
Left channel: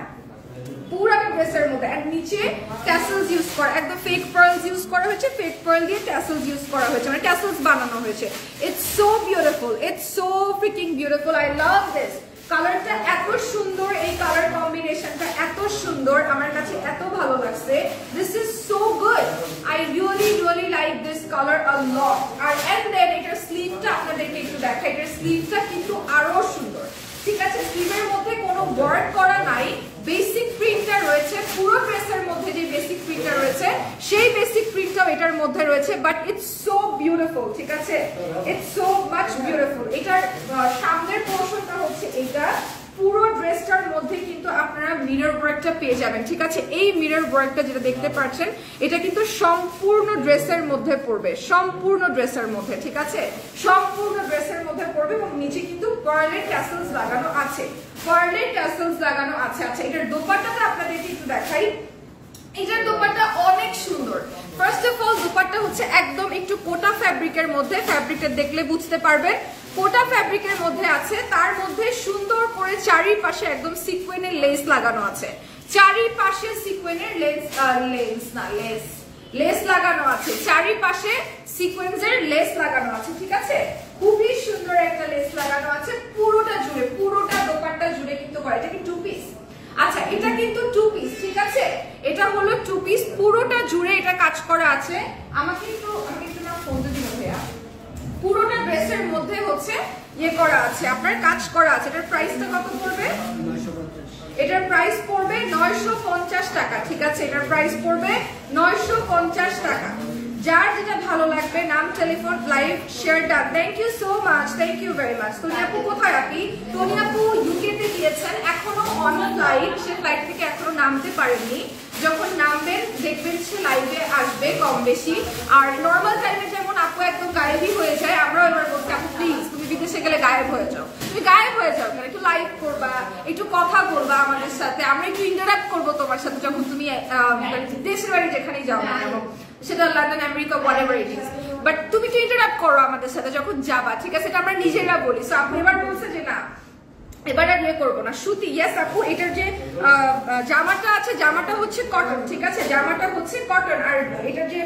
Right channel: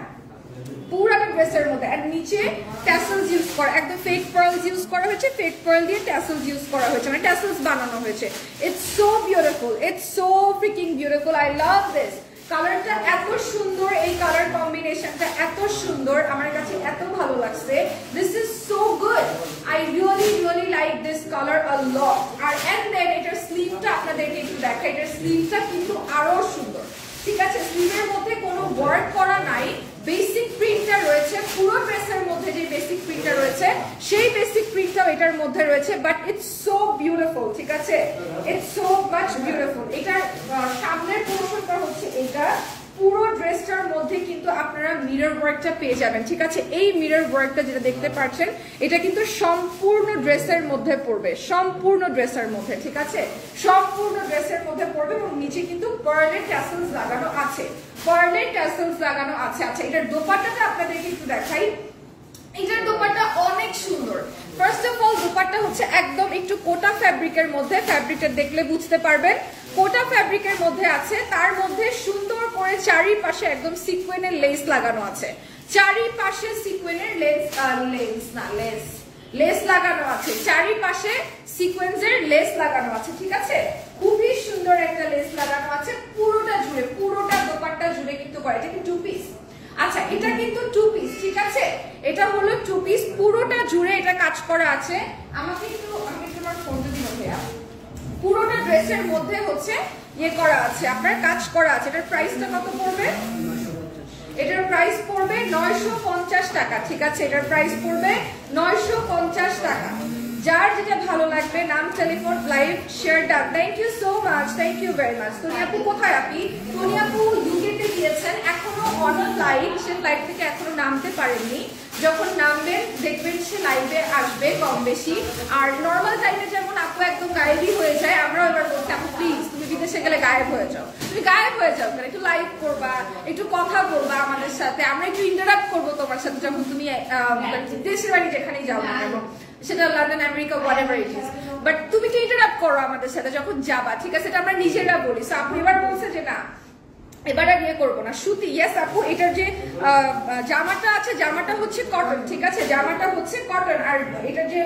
পুরাটা ড্রেসের মধ্যে, আর নিচে ট্যাসেলস ইউজ করা, একদম ফেক পার্লস ইউজ করা হয়েছে, ফেক পার্ল দিয়ে ট্যাসেলস ইউজ করা হয়েছে, মানে ট্যাসেলস বানানো হয়েছে। It's so beautiful, it's so fitting beautiful, I love this. কালারটা এত সুন্দর, এই কালার কম্বিনেশনটা এত সুন্দর, আমার কাছে এত ভালো লাগছে। This is so good, I really like this colour a lot. আর এন্ড দেন এটার স্লিভটা আপনাদেরকে একটু দেখাই, এটার স্লিভটা কিন্তু আরো সুন্দর, ঠিক আছে, স্লিভের মধ্যে কোনো ওয়ার্ক করা নাই, বেসিক প্রিন্টটা রয়েছে, পুরো ড্রেসের মধ্যে যে বেসিক প্রিন্টটা রয়েছে সেই বেসিক প্রিন্টটাও এটার মধ্যে রয়েছে, বাট ইটস সো বিউটিফুল, ঠিক আছে, ইটস সো মাচ বিউটিফুল। এটার সামনের পোর্শনটা হচ্ছে এটা, পুরো ড্রেসটার মধ্যে কিন্তু আপনারা মিরর ওয়ার্কটা পেয়ে যাবেন, ঠিক আছে। এই মিরর ওয়ার্কটা যেটা দেখতে পাচ্ছেন এটা কিন্তু সম্পূর্ণ ড্রেসের মধ্যে পড়বে, সম্পূর্ণ ড্রেসের মধ্যে, ঠিক আছে, সম্পূর্ণ ড্রেসের মধ্যে পড়বে এবং নিচে কিন্তু পার্লের ট্যাসেলস লাগানো আছে, পার্লের ট্যাসেলস লাগানো আছে। আচ্ছা, এটার দোপাট্টাটা আপনাদেরকে একটু দেখাই। এটার দোপাট্টা অনেক সুন্দর। ফার্স্ট অফ অল দোপাট্টা হচ্ছে একদম একটু কোটা ফ্যাব্রিকের মধ্যে, ফ্যাব্রিকটা দেখলে বুঝতে পারবেন কোটা ফ্যাব্রিকের মধ্যে আছে। তার মধ্যে সুন্দর করে চারিপাশে একদম সিকোয়েনের লেস লাগানো আছে, চারিপাশে সিকোয়েনের লেস লাগানো আছে, চারিপাশে সিকোয়েন্সের লেস লাগানো আছে, ঠিক আছে। খুবই সুন্দর একটা লেস লাগানো আছে পুরোটা জুড়ে, পুরোটা দোপাট্টা জুড়ে কিন্তু করে। এটা কি 2 পিস? আচ্ছা, এটা কিন্তু 2 পিস, ঠিক আছে, এটা হলো 2 পিস, পুরোটা জুড়ে এটা কাজ করা আছে। আমি তোমার ফোনটা দিব ভাইয়া। পুরোটা ড্রেসের মধ্যে হচ্ছে ইয়ে করা আছে, আপনার কাজ করা আছে। এটার প্রাইসটা কত পড়বে? এটার প্রাইস পড়বে 950 টাকা, ঠিক আছে, এটার প্রাইস পড়বে 950 টাকা। যার যেটা ভালো লাগবে নাম, telephone, live share done. Thank you so much, thank you very much. Tony আপু কোথায়? আপনি তনি আপু ইউকেতে গিয়েছেন, এখনো অন ফ্লাইট, সে ফ্লাইট থেকে এখনো নামতে পারেননি। যখন নামবেন দেখবেন সে লাইভে আসবে কম বেশি। আর নর্মাল টাইমে যেমন আপু একদম গায়েবই হয়ে যায়, আমরাও এবার বলছি আপু প্লিজ তুমি বিদেশে গেলে গায়েব হয়ে যাও, তুমি গায়েব হয়ে যাও কেন, একটু লাইভ করবা, একটু কথা বলবা আমাদের সাথে, আমরা একটু ইন্টারাক্ট করবো তোমার সাথে যখন তুমি দেশের বাড়ি যেখানেই যাও না কেন, সেটা London, America, whatever it is, but তুমি তো ইন্টারাক্ট করো আমাদের সাথে যখন যাবা, ঠিক আছে, এটা আমরা নিজেরা বলি। সো আপনি এবার বলছে যে না এবার আর ইয়ে করবো না, সুতি। ইয়েস আপু, এটার যে জামাটা আছে জামাটা হচ্ছে কটন, ঠিক আছে, জামাটা হচ্ছে কটন। আর এটার যে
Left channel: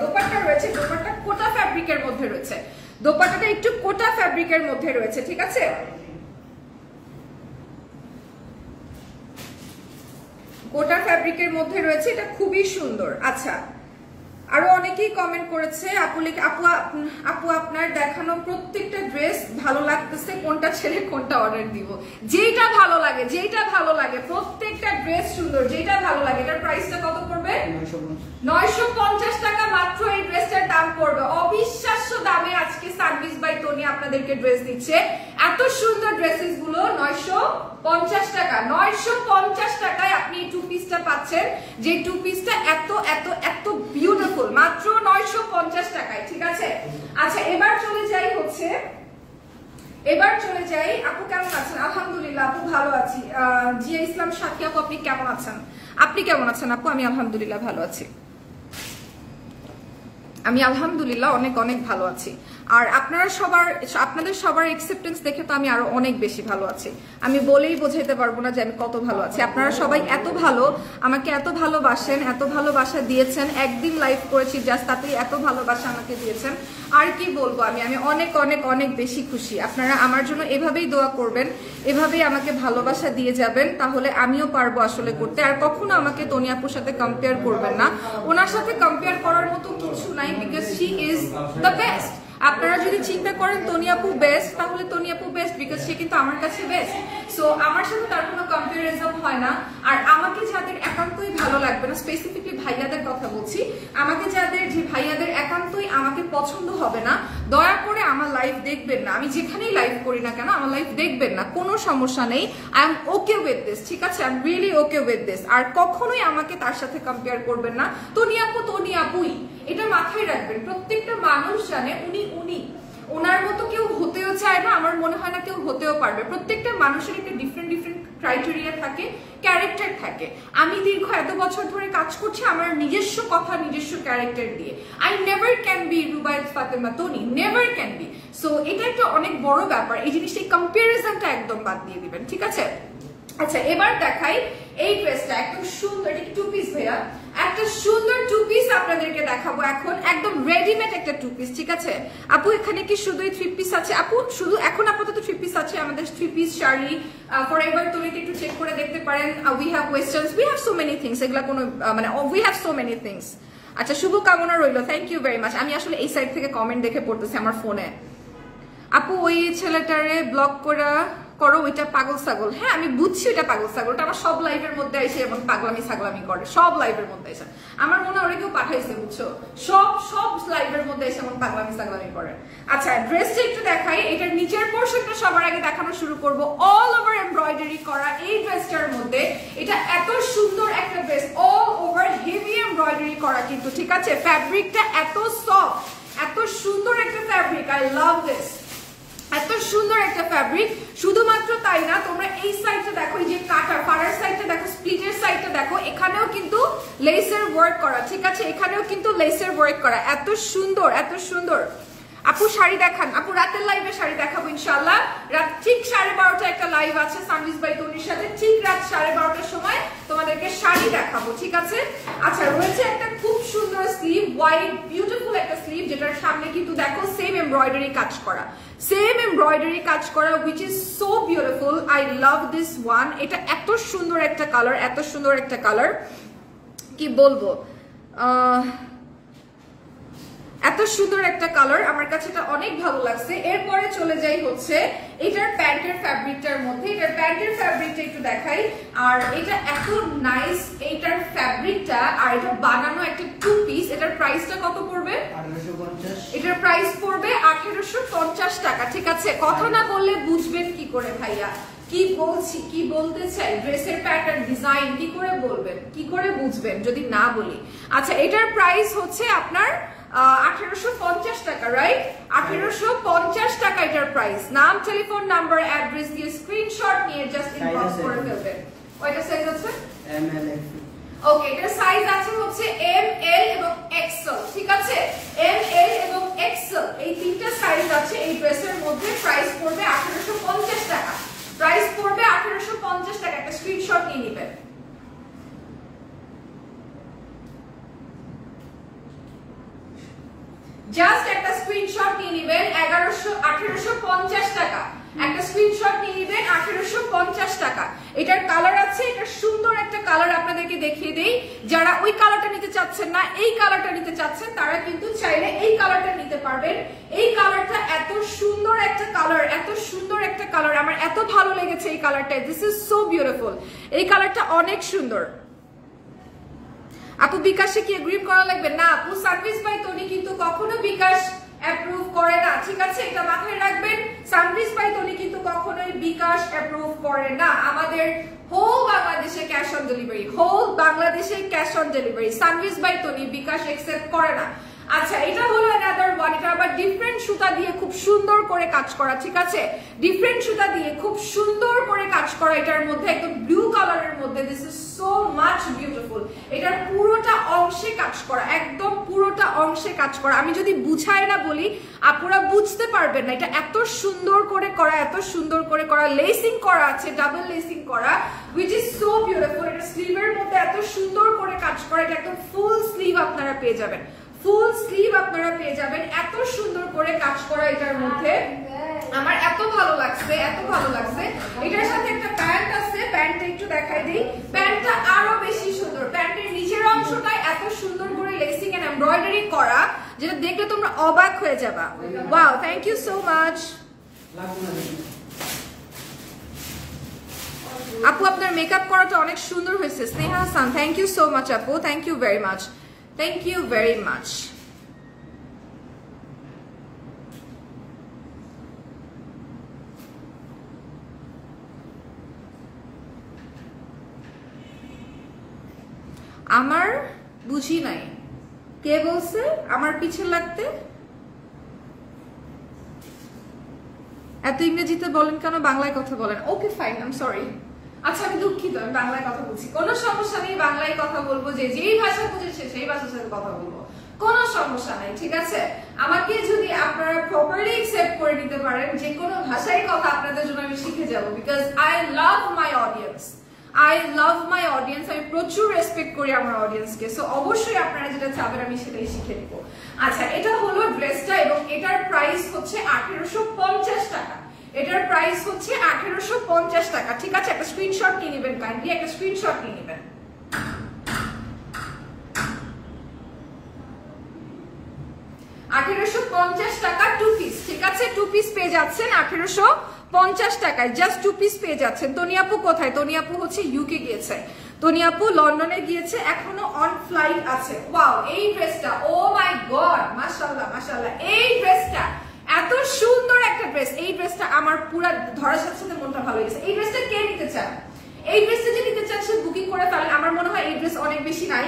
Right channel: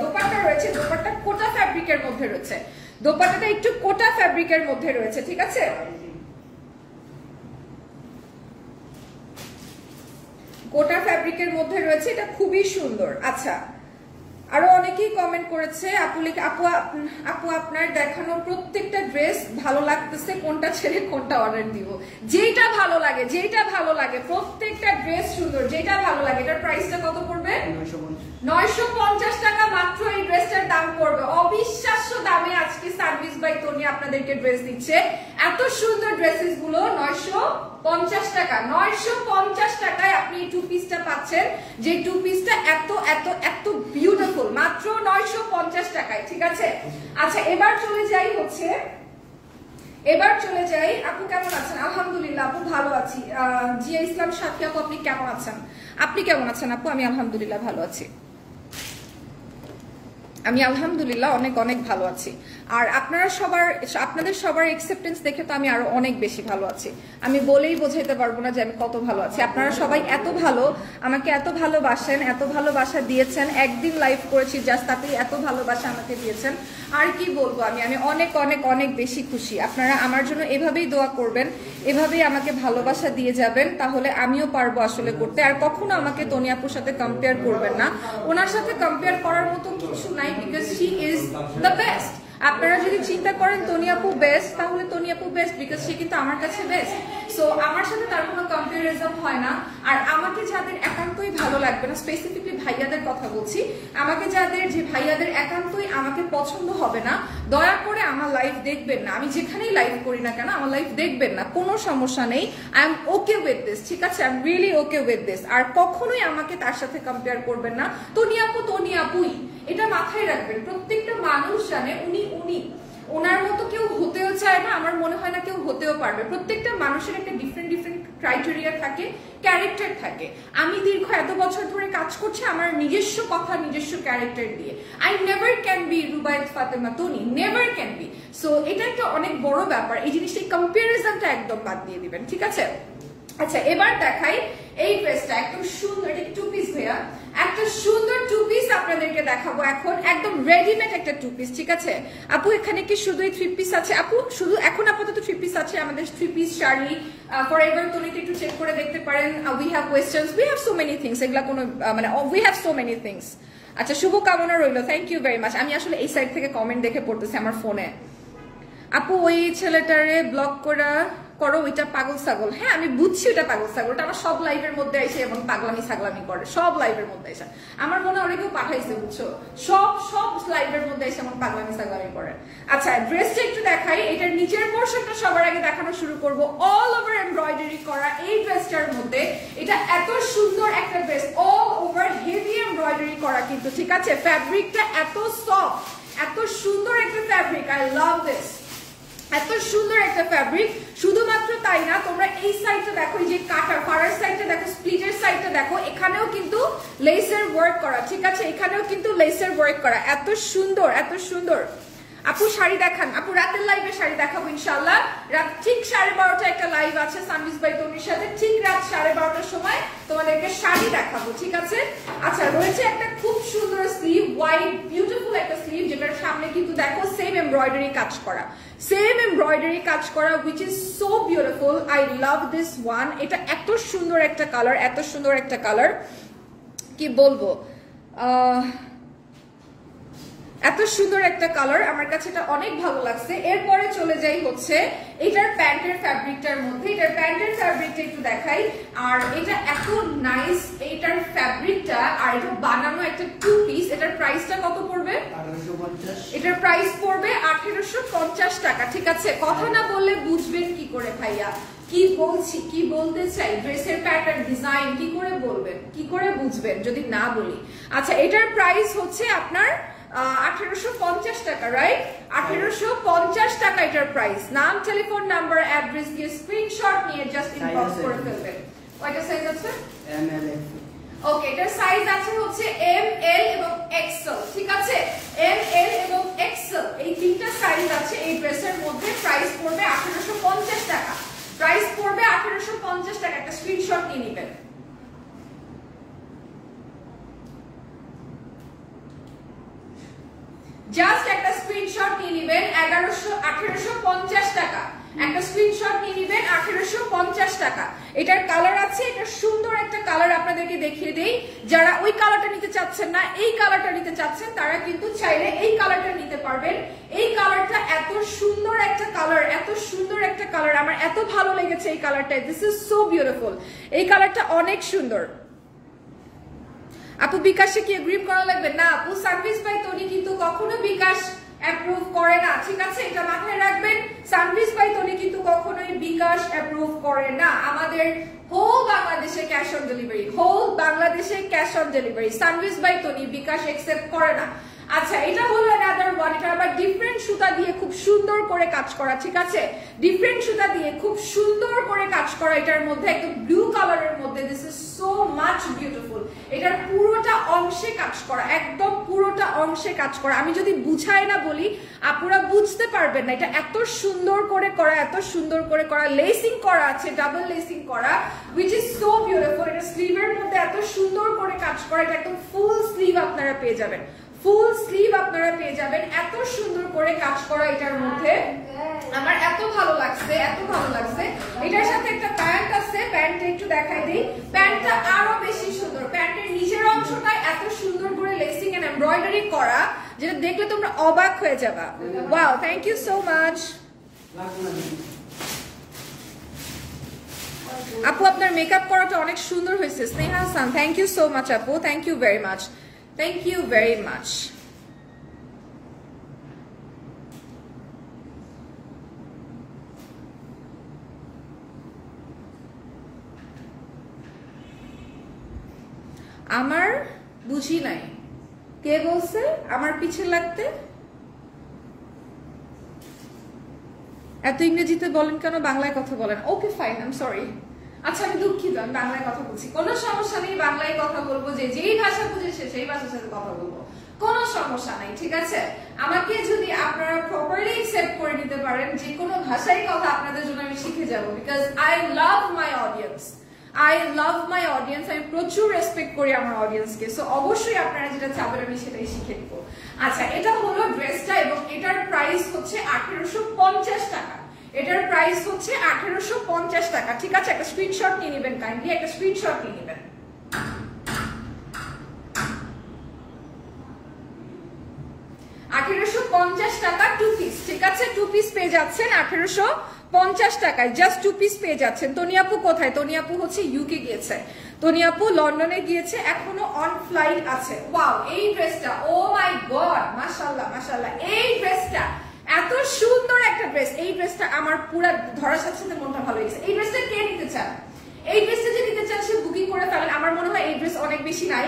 দোপাট্টা রয়েছে দোপাট্টা কোটা ফ্যাব্রিকের মধ্যে রয়েছে, দোপাট্টাটা একটু কোটা ফ্যাব্রিকের মধ্যে রয়েছে, ঠিক আছে, কোটা ফ্যাব্রিকের মধ্যে রয়েছে, এটা খুবই সুন্দর। আচ্ছা, আরো অনেকেই কমেন্ট করেছে আপু আপনার দেখানো প্রত্যেকটা ড্রেস ভালো লাগতেছে, কোনটা ছেড়ে কোনটা অর্ডার দিব? যেটা ভালো লাগে, যেটা ভালো লাগে, প্রত্যেকটা ড্রেস সুন্দর, যেটা ভালো লাগে। এটার প্রাইসটা কত পড়বে? 950 টাকা মাত্র এই ড্রেসটার দাম পড়বে। অবিশ্বাস্য দামে আজকে সার্ভিস বাই তনি আপনাদেরকে ড্রেস দিচ্ছে। এত সুন্দর ড্রেসেস গুলো 950 টাকা, 950 টাকায় আপনি এই 2 পিসটা পাচ্ছেন, যে 2 পিসটা এত এত এত বিউটিফুল, মাত্র 950 টাকায়, ঠিক আছে। আচ্ছা, এবার চলে যাই আপু কেমন আছেন? আলহামদুলিল্লাহ আপু ভালো আছি। জিয়া ইসলাম সাথী আপু আপনি কেমন আছেন? আপনি কেমন আছেন আপু? আমি আলহামদুলিল্লাহ ভালো আছি, আমি আলহামদুলিল্লাহ অনেক অনেক ভালো আছি। আর আপনাদের সবার অ্যাকসেপ্টেন্স দেখে তো আমি আরো অনেক বেশি ভালো আছি। আমি বলেই বোঝাইতে পারবো না যে আমি কত ভালো আছি। আপনারা সবাই এত ভালো, আমাকে এত ভালোবাসেন, এত ভালোবাসা দিয়েছেন। একদিন লাইভ করেছি জাস্ট, তাতেই এত ভালোবাসা আমাকে দিয়েছেন। আর কি বলবো, আমি অনেক অনেক অনেক বেশি খুশি। আপনারা আমার জন্য এভাবেই দোয়া করবেন, এভাবেই আমাকে ভালোবাসা দিয়ে যাবেন, তাহলে আমিও পারবো আসলে করতে। আর কখনো আমাকে তনি আপুর সাথে কম্পেয়ার করবেন না, ওনার সাথে কম্পেয়ার করার মতো কিছু নাই, because she is the best. আপনারা যদি চিন্তা করেন তনি আপু বেস্ট, তাহলে তনি আপু বেস্ট, বিকজ সে কিন্তু আমার কাছে বেস্ট। সো আমার সাথে তার কোনো কম্পারিজন হয় না। আর আমাকে যাদের একান্তই ভালো লাগবে না, স্পেসিফিকলি ভাইয়াদের কথা বলছি, আমাকে যে ভাইয়াদের একান্তই আমাকে পছন্দ হবে না, দয়া করে আমার লাইভ দেখবেন না। আমি যেখানেই লাইভ করি না কেন আমার লাইভ দেখবেন না, কোনো সমস্যা নেই। I am okay with this, ঠিক আছে, I am really okay with this. আর কখনোই আমাকে তার সাথে কম্পেয়ার করবেন না। তনি আপুই, এটা মাথায় রাখবেন। প্রত্যেকটা মানুষ জানে উনি ওনার মতো কেউ হতেও চায় না, আমার মনে হয় না কেউ হতেও পারবে। প্রত্যেকটা মানুষের একটা ডিফারেন্ট ক্রাইটেরিয়া থাকে, ক্যারেক্টার থাকে। আমি দীর্ঘ এত বছর ধরে কাজ করছি আমার নিজস্ব কথা, নিজস্ব ক্যারেক্টার দিয়ে। I never can be Rubayat Fatema Tony, never can B. So এটা একটা অনেক বড় ব্যাপার, এই জিনিসটা, এই কম্পারিজনটা একদম বাদ দিয়ে দিবেন, ঠিক আছে। আচ্ছা, এবার দেখাই এই ড্রেসটা, একদম সুন্দর, এটা 2 পিস ভাইয়া, একটা সুন্দর 2 পিস আপনাদেরকে দেখাবো এখন, একদম রেডিমেড একটা 2 পিস, ঠিক আছে। আপু এখানে কি শুধুই 3 পিস আছে? আপু শুধু এখন আপাতত 3 পিস আছে, আমাদের 3 পিস শাড়ি ফরএভার তনিতে একটু চেক করে দেখতে পারেন। We have westerns, we have so many things, এগুলা কোনো মানে we have so many things. আচ্ছা, শুভকামনা রইল, থ্যাংক ইউ ভেরি মাচ। আমি আসলে এই সাইড থেকে কমেন্ট দেখে পড়তেছি আমার ফোনে। আপু ওই ছেলেটারে ব্লক করা করো ওইটা পাগল ছাগল। হ্যাঁ আমি বুঝছি ওটা পাগল ছাগল, ওটা আমার সব লাইভের মধ্যে এসে এমন পাগলামি ছাগলামি করে, সব লাইভের মধ্যে এসে। আমার মনে হয় ওরা কেউ পাঠাইছে বুঝছো, সব লাইভের মধ্যে এসে এমন পাগলামি ছাগলামি করে। আচ্ছা ড্রেসটা একটু দেখাই, এটার নিচের পোর্শনটা সবার আগে দেখানো শুরু করবো। অল ওভার এমব্রয়ডারি করা এই ড্রেসটার মধ্যে, এটা এত সুন্দর একটা dress, all over heavy embroidery করা কিন্তু, ঠিক আছে। ফ্যাব্রিকটা এত সফট, এত সুন্দর একটা ফ্যাব্রিক, আই লাভ দিস। এত সুন্দর একটা ফ্যাব্রিক। শুধুমাত্র তাই না, তোমরা এই সাইডটা দেখো, এই যে কাটার ফাড়ার সাইডটা দেখো, স্প্লিটের সাইডটা দেখো, এখানেও কিন্তু লেসের ওয়ার্ক করা, ঠিক আছে, এখানেও কিন্তু লেসের ওয়ার্ক করা। এত সুন্দর, এত সুন্দর। আপু শাড়ি দেখান, আপু রাতের লাইভে শাড়ি দেখাবো ইনশাল্লাহ। রাত ঠিক 12:30 একটা লাইভ আছে সানভিজ বাই তনির সাথে, ঠিক রাত 12:30টার সময় তোমাদেরকে শাড়ি দেখাবো, ঠিক আছে। আচ্ছা রয়েছে একটা খুব সুন্দর স্লিভ, হোয়াইট বিউটিফুল একটা স্লিভ, যেটার সামনে কিন্তু দেখো সেম এমব্রয়ডারি কাজ করা, সেম এমব্রয়ডারি কাজ করা, which is so beautiful. I love this one. এটা এত সুন্দর একটা কালার, এত সুন্দর একটা কালার, কি বলবো, এত সুন্দর একটা কালার, আমার কাছে এটা অনেক ভালো লাগছে। এরপরে চলে যাই হচ্ছে এটার প্যান্টের ফ্যাব্রিকটার মধ্যে, এটার প্যান্টের ফ্যাব্রিকটা একটু দেখাই। আর এটা এত নাইস এইটার ফ্যাব্রিকটা, আর এটা বানানো একটা 2 পিস। এটার প্রাইসটা কত পড়বে? 1850। এটার প্রাইস পড়বে 1850 টাকা, ঠিক আছে। কথা না বললে বুঝবেন কি করে ভাইয়া, কি বলছি, কি বলতে চাই, ড্রেসের প্যাটার্ন ডিজাইন কি করে বলবেন, কি করে বুঝবেন যদি না বলি। আচ্ছা এটার প্রাইস হচ্ছে আপনার 1850 টাকা, রাইট? 1850 টাকা এটার প্রাইস। নাম, টেলিফোন নাম্বার, অ্যাড্রেস দিয়ে স্ক্রিনশট নিয়ে জাস্ট ইনবক্স করে ফেলবেন। কয়টা সাইজ আছে? ML। ওকে, এটার সাইজ আছে হচ্ছে ML এবং XL, ঠিক আছে। ML এবং XL এই তিনটা সাইজ আছে এই ড্রেসের মধ্যে। প্রাইস পড়বে 1850 টাকা, প্রাইস পড়বে 1850 টাকা। একটা স্ক্রিনশট নিয়ে নেবেন। জাস্ট একটা স্ক্রিনশট নিয়ে নেবেন, 1850 টাকা। একটা স্ক্রিনশট নিয়ে নেবেন, 1850 টাকা। এটার কালার আছে, এটা সুন্দর একটা কালার আপনাদেরকে দেখিয়ে দেই। যারা ওই কালারটা নিতে চাচ্ছেন না, এই কালারটা নিতে চাচ্ছেন, তারা কিন্তু চাইলে এই কালারটা নিতে পারবেন। এই কালারটা এত সুন্দর একটা কালার, এত সুন্দর একটা কালার, আমার এত ভালো লেগেছে এই কালারটা। দিস ইজ সো বিউটিফুল, এই কালারটা অনেক সুন্দর। আপু বিকাশে কি এগ্রিম করা লাগবে? না আপু, সানভিজ বাই তনি কিন্তু কখনো বিকাশ অ্যাপ্রুভ করে না, ঠিক আছে, এটা মাথায় রাখবেন। সানভিজ বাই তনি কিন্তু কখনোই বিকাশ অ্যাপ্রুভ করে না। আমাদের হোল বাংলাদেশে ক্যাশ অন ডেলিভারি, হোল বাংলাদেশে cash on delivery. Sanvees by Tony bKash accept করে না। আচ্ছা এটা হলো অ্যানাদার ওয়ান, এটা আবার ডিফারেন্ট সুতা দিয়ে খুব সুন্দর করে কাজ করা, ঠিক আছে, ডিফারেন্ট সুতা দিয়ে খুব সুন্দর করে কাজ করা। এটার মধ্যে একদম ব্লু কালারের মধ্যে, this is so much beautiful. এটার পুরোটা অংশে কাজ করা, একদম পুরোটা অংশে কাজ করা। আমি যদি বুঝাই না বলি আপনারা বুঝতে পারবেন না। এটা এত সুন্দর করে করা, এত সুন্দর করে করা, লেসিং করা আছে, ডাবল লেসিং করা, উইচ ইজ সো বিউটিফুল। এটা স্লিভের মধ্যে এত সুন্দর করে কাজ করা, এটা একদম ফুল স্লিভ আপনারা পেয়ে যাবেন, ফুল স্লিভ আপনারা পেয়ে যাবেন। এত সুন্দর করে কাজ করা এটার মধ্যে, আমার এত ভালো লাগছে, এত ভালো লাগছে। এটার সাথে একটা প্যান্ট আছে, প্যান্টটা একটু দেখাই দিই। প্যান্টটা আরো বেশি সুন্দর, প্যান্টের নিচের অংশটা এত সুন্দর করে লেসিং এন্ড এমব্রয়ডারি করা, যেটা দেখলে তোমরা অবাক হয়ে যাবা। Wow, thank you so much আপু, আপনার মেকআপ করাটা অনেক সুন্দর হয়েছে। Sneha Hasan, thank you so much আপু, thank you very much, thank you very much. আমার বুঝি নাই, কে বলছে আমার পিছে লাগতে? এত ইংরেজিতে বলেন কেন, বাংলায় কথা বলেন। Okay fine, I am sorry. আচ্ছা আমি দুঃখিত, আমি বাংলায় কথা বলছি, কোনো সমস্যা নেই, বাংলায় কথা বলবো, যে যেই ভাষা বুঝেছে সেই ভাষার সাথে কথা বলবো, কোনো সমস্যা নাই, ঠিক আছে। আমাকে যদি আপনারা প্রপারলি অ্যাকসেপ্ট করে নিতে পারেন, যে কোনো ভাষায় কথা আপনাদের জন্য আমি শিখে যাবো, because I love my audience, I love my audience, আমি প্রচুর রেসপেক্ট করি আমার অডিয়েন্সকে। সো অবশ্যই আপনারা যেটা চাবেন আমি সেটাই শিখে নিবো। আচ্ছা এটা হলো ড্রেসটা, এবং এটার প্রাইস হচ্ছে 1850 টাকা। এটার প্রাইস হচ্ছে 1850 টাকা, ঠিক আছে। একটা স্ক্রিনশট নিয়ে নেবেন, কাইন্ডলি একটা স্ক্রিনশট নিয়ে নেবেন। $1850 2 পিস, ঠিক আছে, 2 পিস পেয়ে যাচ্ছেন 1850 50 টাকায় জাস্ট 2 পিস পেয়ে যাচ্ছেন। তনিয়াপু কোথায়? তনিয়াপু হচ্ছে ইউকে গিয়েছে, তনিয়াপু লন্ডনে গিয়েছে, এখনো অন ফ্লাইট আছে। ওয়াও, এই ড্রেসটা, ও মাই গড, মাশাআল্লাহ মাশাআল্লাহ, এই ড্রেসটা এত সুন্দর একটা ড্রেস। এই ড্রেসটা আমার পুরো ধরার সাথে সাথে মনটা ভালো হয়ে গেছে। এই ড্রেসটা কে নিতে চান? এই ড্রেসটা যে নিতে চান সে বুকিং করে ফেলেন। আমার মনে হয় এই ড্রেস অনেক বেশি নাই,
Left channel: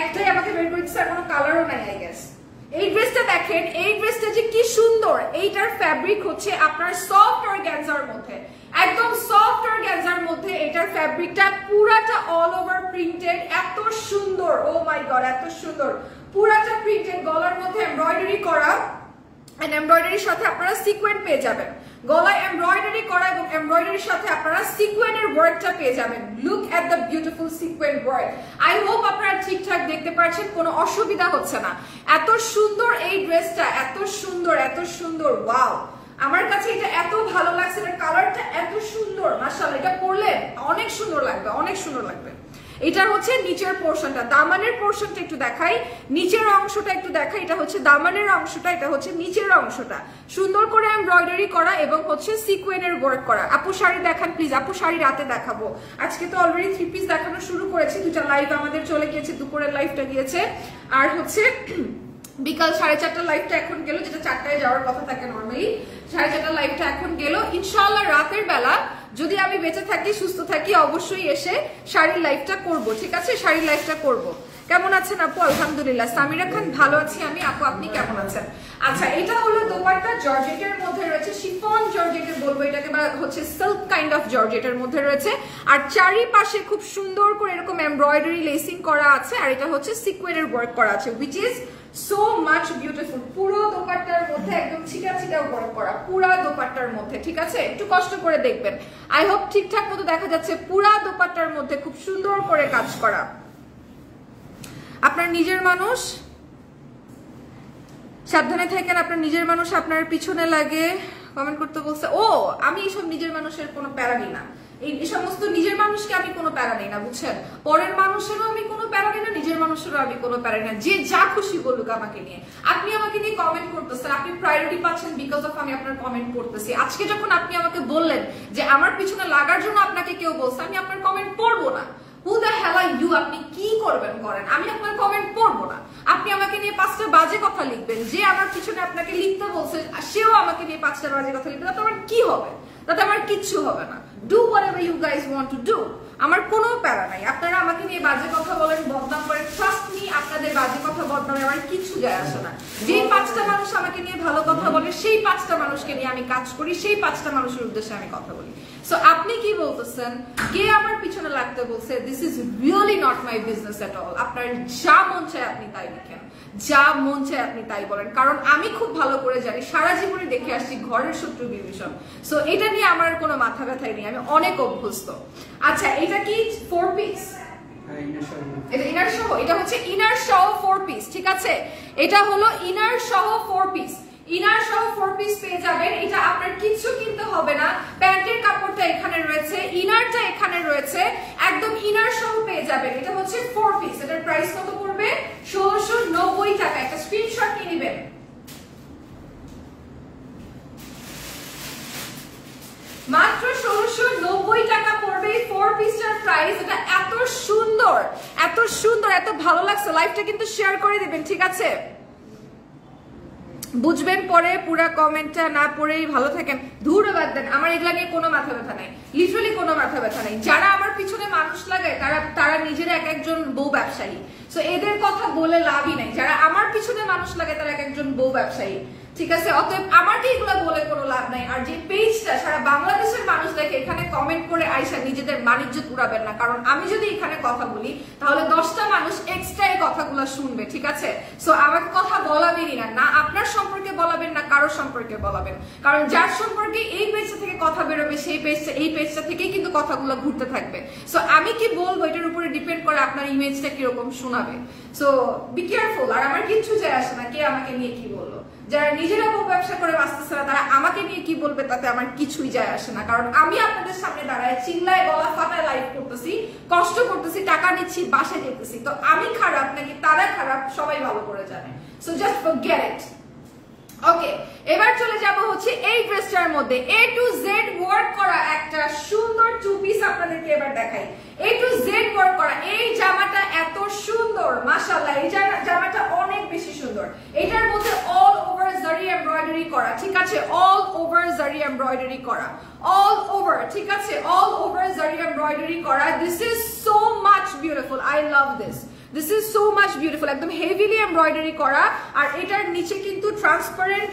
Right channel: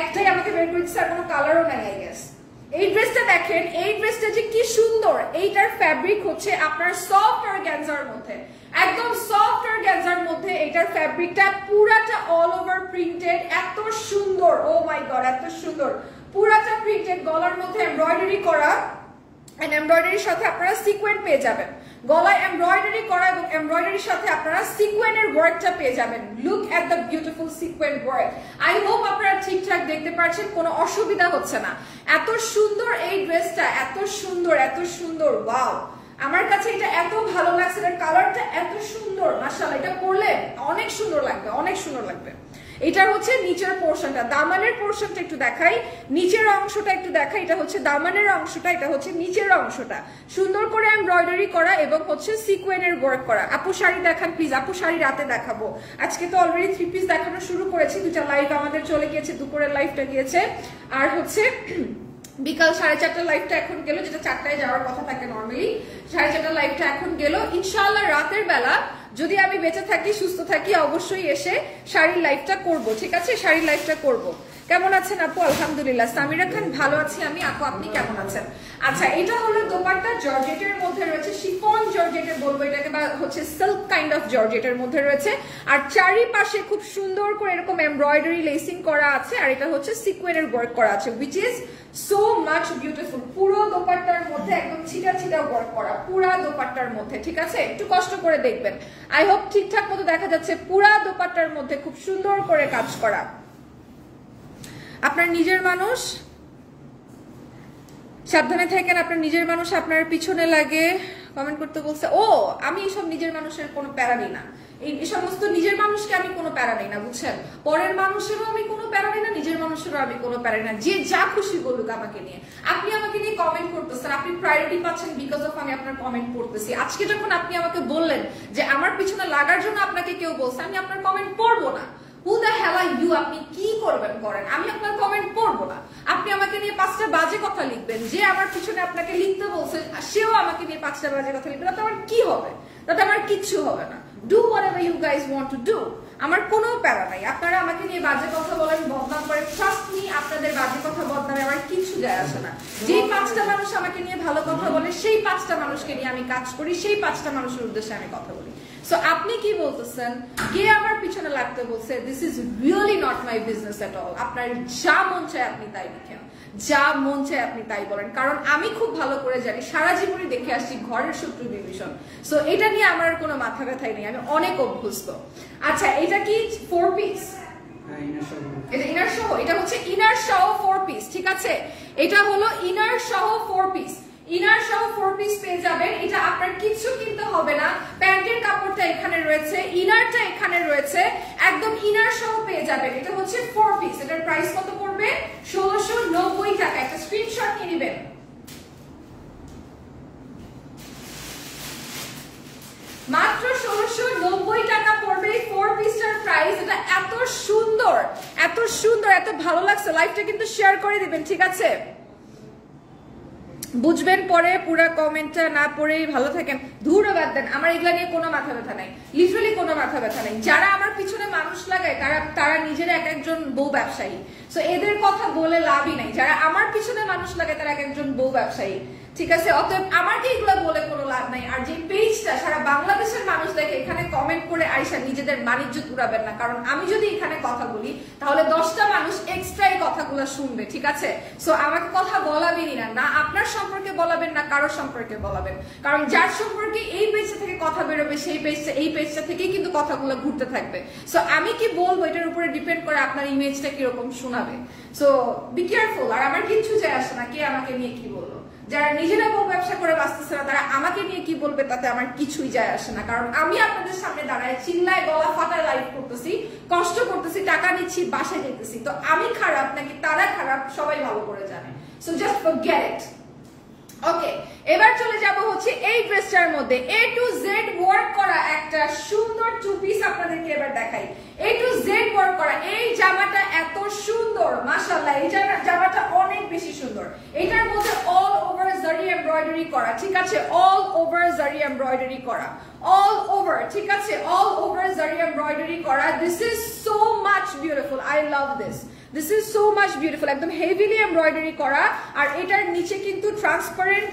একটাই আমাকে বের করে দিচ্ছে, আর কোনো কালারও নাই আই গেস। এই ড্রেসটা দেখেন, এই ড্রেসটা যে কি সুন্দর। এইটার ফ্যাব্রিক হচ্ছে আপনার সফট অর্গানজার মধ্যে, একদম সফট অর্গানজার মধ্যে এটার ফ্যাব্রিকটা পুরাটা অল ওভার প্রিন্টেড, এত সুন্দর, ও মাই গড এত সুন্দর, পুরাটা প্রিন্টেড, গলার মধ্যে এমব্রয়ডারি করা, এন্ড এমব্রয়ডারির সাথে আপনারা সিকোয়েন্স পেয়ে যাবেন। গলায় এমব্রয়ডারি করা এবং এমব্রয়ডারির সাথে আপনারা সিকোয়েন্সের ওয়ার্কটা পেয়ে যাবেন। Look at the beautiful sequence work. I hope আপনারা ঠিকঠাক দেখতে পাচ্ছেন, কোনো অসুবিধা হচ্ছে না। এত সুন্দর এই ড্রেসটা, এত সুন্দর এত সুন্দর, ওয়াও, আমার কাছে এটা এত ভালো লাগছে, এর কালারটা এত সুন্দর, মাশাআল্লাহ। এটা পরলে অনেক সুন্দর লাগবে, অনেক সুন্দর লাগবে। এটা হচ্ছে নিচের পোর্শনটা, দামানের পোর্শনটা একটু দেখাই, নিচের অংশটা একটু দেখাই। এটা হচ্ছে দামানের অংশটা, এটা হচ্ছে নিচের অংশটা, সুন্দর করে এমব্রয়ডারি করা এবং হচ্ছে সিকোয়েন্সের ওয়ার্ক করা। আপু শাড়ি দেখান প্লিজ, আপু শাড়ি রাতে দেখাবো। আজকে তো অলরেডি 3 পিস দেখানো শুরু করেছি, 2টা লাইভ আমাদের চলে গিয়েছে, দুপুরের লাইভটা গিয়েছে, আর হচ্ছে বিকাল 4:30 লাইভটা এখন গেল, যেটা 4টায় যাওয়ার কথা থাকে নর্মালি। 4:30 লাইভটা এখন গেল। ইনশাআল্লাহ রাতের বেলা যদি আমি বেঁচে থাকি, সুস্থ থাকি, অবশ্যই এসে শাড়ির লাইভটা করব, ঠিক আছে? শাড়ির লাইভটা করব। কেমন আছেন আপু? আলহামদুলিল্লাহ। সামিরা খান ভালো আছি আমি। আপু আপনি কেমন আছেন? আচ্ছা, এটা হলো দোপাট্টা, জর্জেটের মধ্যে রয়েছে, শিফন জর্জেটের বলবো এটাকে, বা হচ্ছে সিল্ক কাইন্ড অফ জর্জেটের মধ্যে রয়েছে, আর চারিপাশে খুব সুন্দর করে এরকম এমব্রয়ডারি লেসিং করা আছে, আর এটা হচ্ছে সিকোয়েন্সের ওয়ার্ক করা আছে, which is so much beautiful. পুরো দোপাট্টার মধ্যে একদম ছিটা ছিটা ওয়ার্ক করা, পুরা দোপাট্টার মধ্যে, ঠিক আছে? একটু কষ্ট করে দেখবেন, আই হোপ ঠিকঠাক মতো দেখা যাচ্ছে। পুরা দোপাট্টার মধ্যে খুব সুন্দর করে কাজ করা। আপনার নিজের মানুষ, সাবধানে থাকেন, আপনার নিজের মানুষ আপনার পিছনে লাগে, কমেন্ট করতে বলছে। ও, আমি এইসব নিজের মানুষের কোনো প্যারা নিই না, এই সমস্ত নিজের মানুষকে আমি কোনো প্যারা নিই না, বুঝছেন? পরের মানুষেরও আমি কোনো প্যারা নিই না, নিজের মানুষেরও আমি কোনো প্যারা নিই না। যে যা খুশি বলুক আমাকে নিয়ে। আপনি আমাকে নিয়ে কমেন্ট করতেছেন, আপনি প্রায়োরিটি পাচ্ছেন বিকজ অফ আমি আপনার কমেন্ট করতেছি। আজকে যখন আপনি আমাকে বললেন যে আমার পিছনে লাগার জন্য আপনাকে কেউ বলছে, আমি আপনার কমেন্ট পড়বো না। Who the hell are you? আপনি কি করবেন করেন, আমি আপনার কমেন্ট পড়বো না। আপনি আমাকে নিয়ে 5টা বাজে কথা লিখবেন, যে আমার পিছনে আপনাকে লিখতে বলছে সেও আমাকে নিয়ে 5টা বাজে কথা লিখবে, তাতে আমার কি হবে? তাতে আমার কিচ্ছু হবে না। Do whatever you guys want to do, আমার কোনো প্যারা নাই। আপনারা আমাকে নিয়ে বাজে কথা বলেন, বদনাম করেন, ট্রাস্ট মি, আপনাদের বাজে কথা বদনামে আমার কিচ্ছু যায় আসে না। যেই 5টা মানুষ আমাকে নিয়ে ভালো কথা বলে, সেই 5টা মানুষকে নিয়ে আমি কাজ করি, সেই 5টা মানুষের উদ্দেশ্যে আমি কথা বলি। সো আপনি কি বলতেছেন, কে আমার পিছনে লাগতে বলছে, this is really not my business at all. আপনার যা মন চায় আপনি তাই লিখেন, যা মন চায় আপনি তাই বলেন, কারণ আমি খুব ভালো করে জানি, সারা জীবনে দেখে আসছি ঘরের শত্রু বিভীষণ। সো এটা নিয়ে আমার কোনো মাথা ব্যথাই নেই, আমি অনেক অভ্যস্ত। আচ্ছা, এটা কি 4 পিস? এটা ইনার সহ, এটা হচ্ছে ইনার সহ 4 পিস, ঠিক আছে? এটা হলো ইনার সহ 4 পিস, ইনার সহ 4 পিস পেয়ে যাবেন। এটা আপনার কিছু কিনতে হবে না, প্যান্টের কাপড়টা এখানে রয়েছে, ইনারটা এখানে রয়েছে, একদম ইনার সহ পেয়ে যাবেন। এটা হচ্ছে 4 পিস, এটার প্রাইস কত পড়বে? 1690 টাকা। একটা স্ক্রিনশট নিয়ে নেবেন। মাত্র 1690 টাকা পড়বে 4 পিসটার প্রাইস। এটা এত সুন্দর, এত সুন্দর, এত ভালো লাগছে। লাইভটা কিন্তু শেয়ার করে দিবেন, ঠিক আছে? বুঝবেন পরে, পুরা কমেন্টটা না পড়েই ভালো থাকেন। ধুর বাদ দেন, আমার এগুলা নিয়ে কোনো মাথা ব্যথা নাই, লিটারালি কোনো মাথা ব্যথা নাই। যারা আমার পিছনে মানুষ লাগায় তারা নিজেরা এক একজন বউ ব্যবসায়ী। সো এদের কথা বলে লাভই নাই। যারা আমার পিছনে মানুষ লাগায় তারা এক একজন বউ ব্যবসায়ী, ঠিক আছে? অতএব আমাকে এগুলো বলে কোনো লাভ নাই। আর যে পেজটা সারা বাংলাদেশের মানুষ দেখে, এখানে কমেন্ট করে আইসা নিজেদের বাণিজ্য উড়াবেন না, কারণ আমি যদি এখানে কথা বলি তাহলে 10টা মানুষ এক্সট্রা এই কথাগুলো শুনবে, ঠিক আছে? সো আমাকে কথা বলাবেনই না, না আপনার সম্পর্কে বলাবেন, না কারোর সম্পর্কে বলাবেন, কারণ যার সম্পর্কে এই পেজটা থেকে কথা বেরোবে, সেই পেজটা, এই পেজটা থেকেই কিন্তু কথাগুলো ঘুরতে থাকবে। সো আমি কি বলবো এটার উপরে ডিপেন্ড করে আপনার ইমেজটা কিরকম শোনাবে। So be careful. আর আমার কিচ্ছু যায় আসে না কে আমাকে নিয়ে কি বললো। যারা নিজেরা বউ ব্যবসা করে বাঁচতেছে না, তারা আমাকে নিয়ে কি বলবে তাতে আমার কিছুই যায় আসে না, কারণ আমি আপনাদের সামনে দাঁড়ায় চিল্লায় গলা ফাটায় লাইভ করতেছি, কষ্ট করতেছি, টাকা নিচ্ছি, বাসায় যেতেছি। তো আমি খারাপ নাকি তারা খারাপ সবাই ভালো করে জানে। So just forget it. Okay, এবার চলে যাব হচ্ছে এই ড্রেসটার মধ্যে A to Z ওয়ার্ক করা একটা সুন্দর টু পিস আপনাদেরকে এবার দেখাই। A to Z ওয়ার্ক করা এই জামাটা এত সুন্দর মাশাআল্লাহ, এই জামাটা অনেক বেশি সুন্দর। এটার মধ্যে অল ওভার জারি এমব্রয়ডারি করা, ঠিক আছে, অল ওভার জারি এমব্রয়ডারি করা, অল ওভার, ঠিক আছে, অল ওভার জারি এমব্রয়ডারি করা। This is so much beautiful, I love this. This is so much beautiful, একদম হেভিলি এমব্রয়ডারি করা। আর এটার নিচে কিন্তু ট্রান্সপারেন্ট,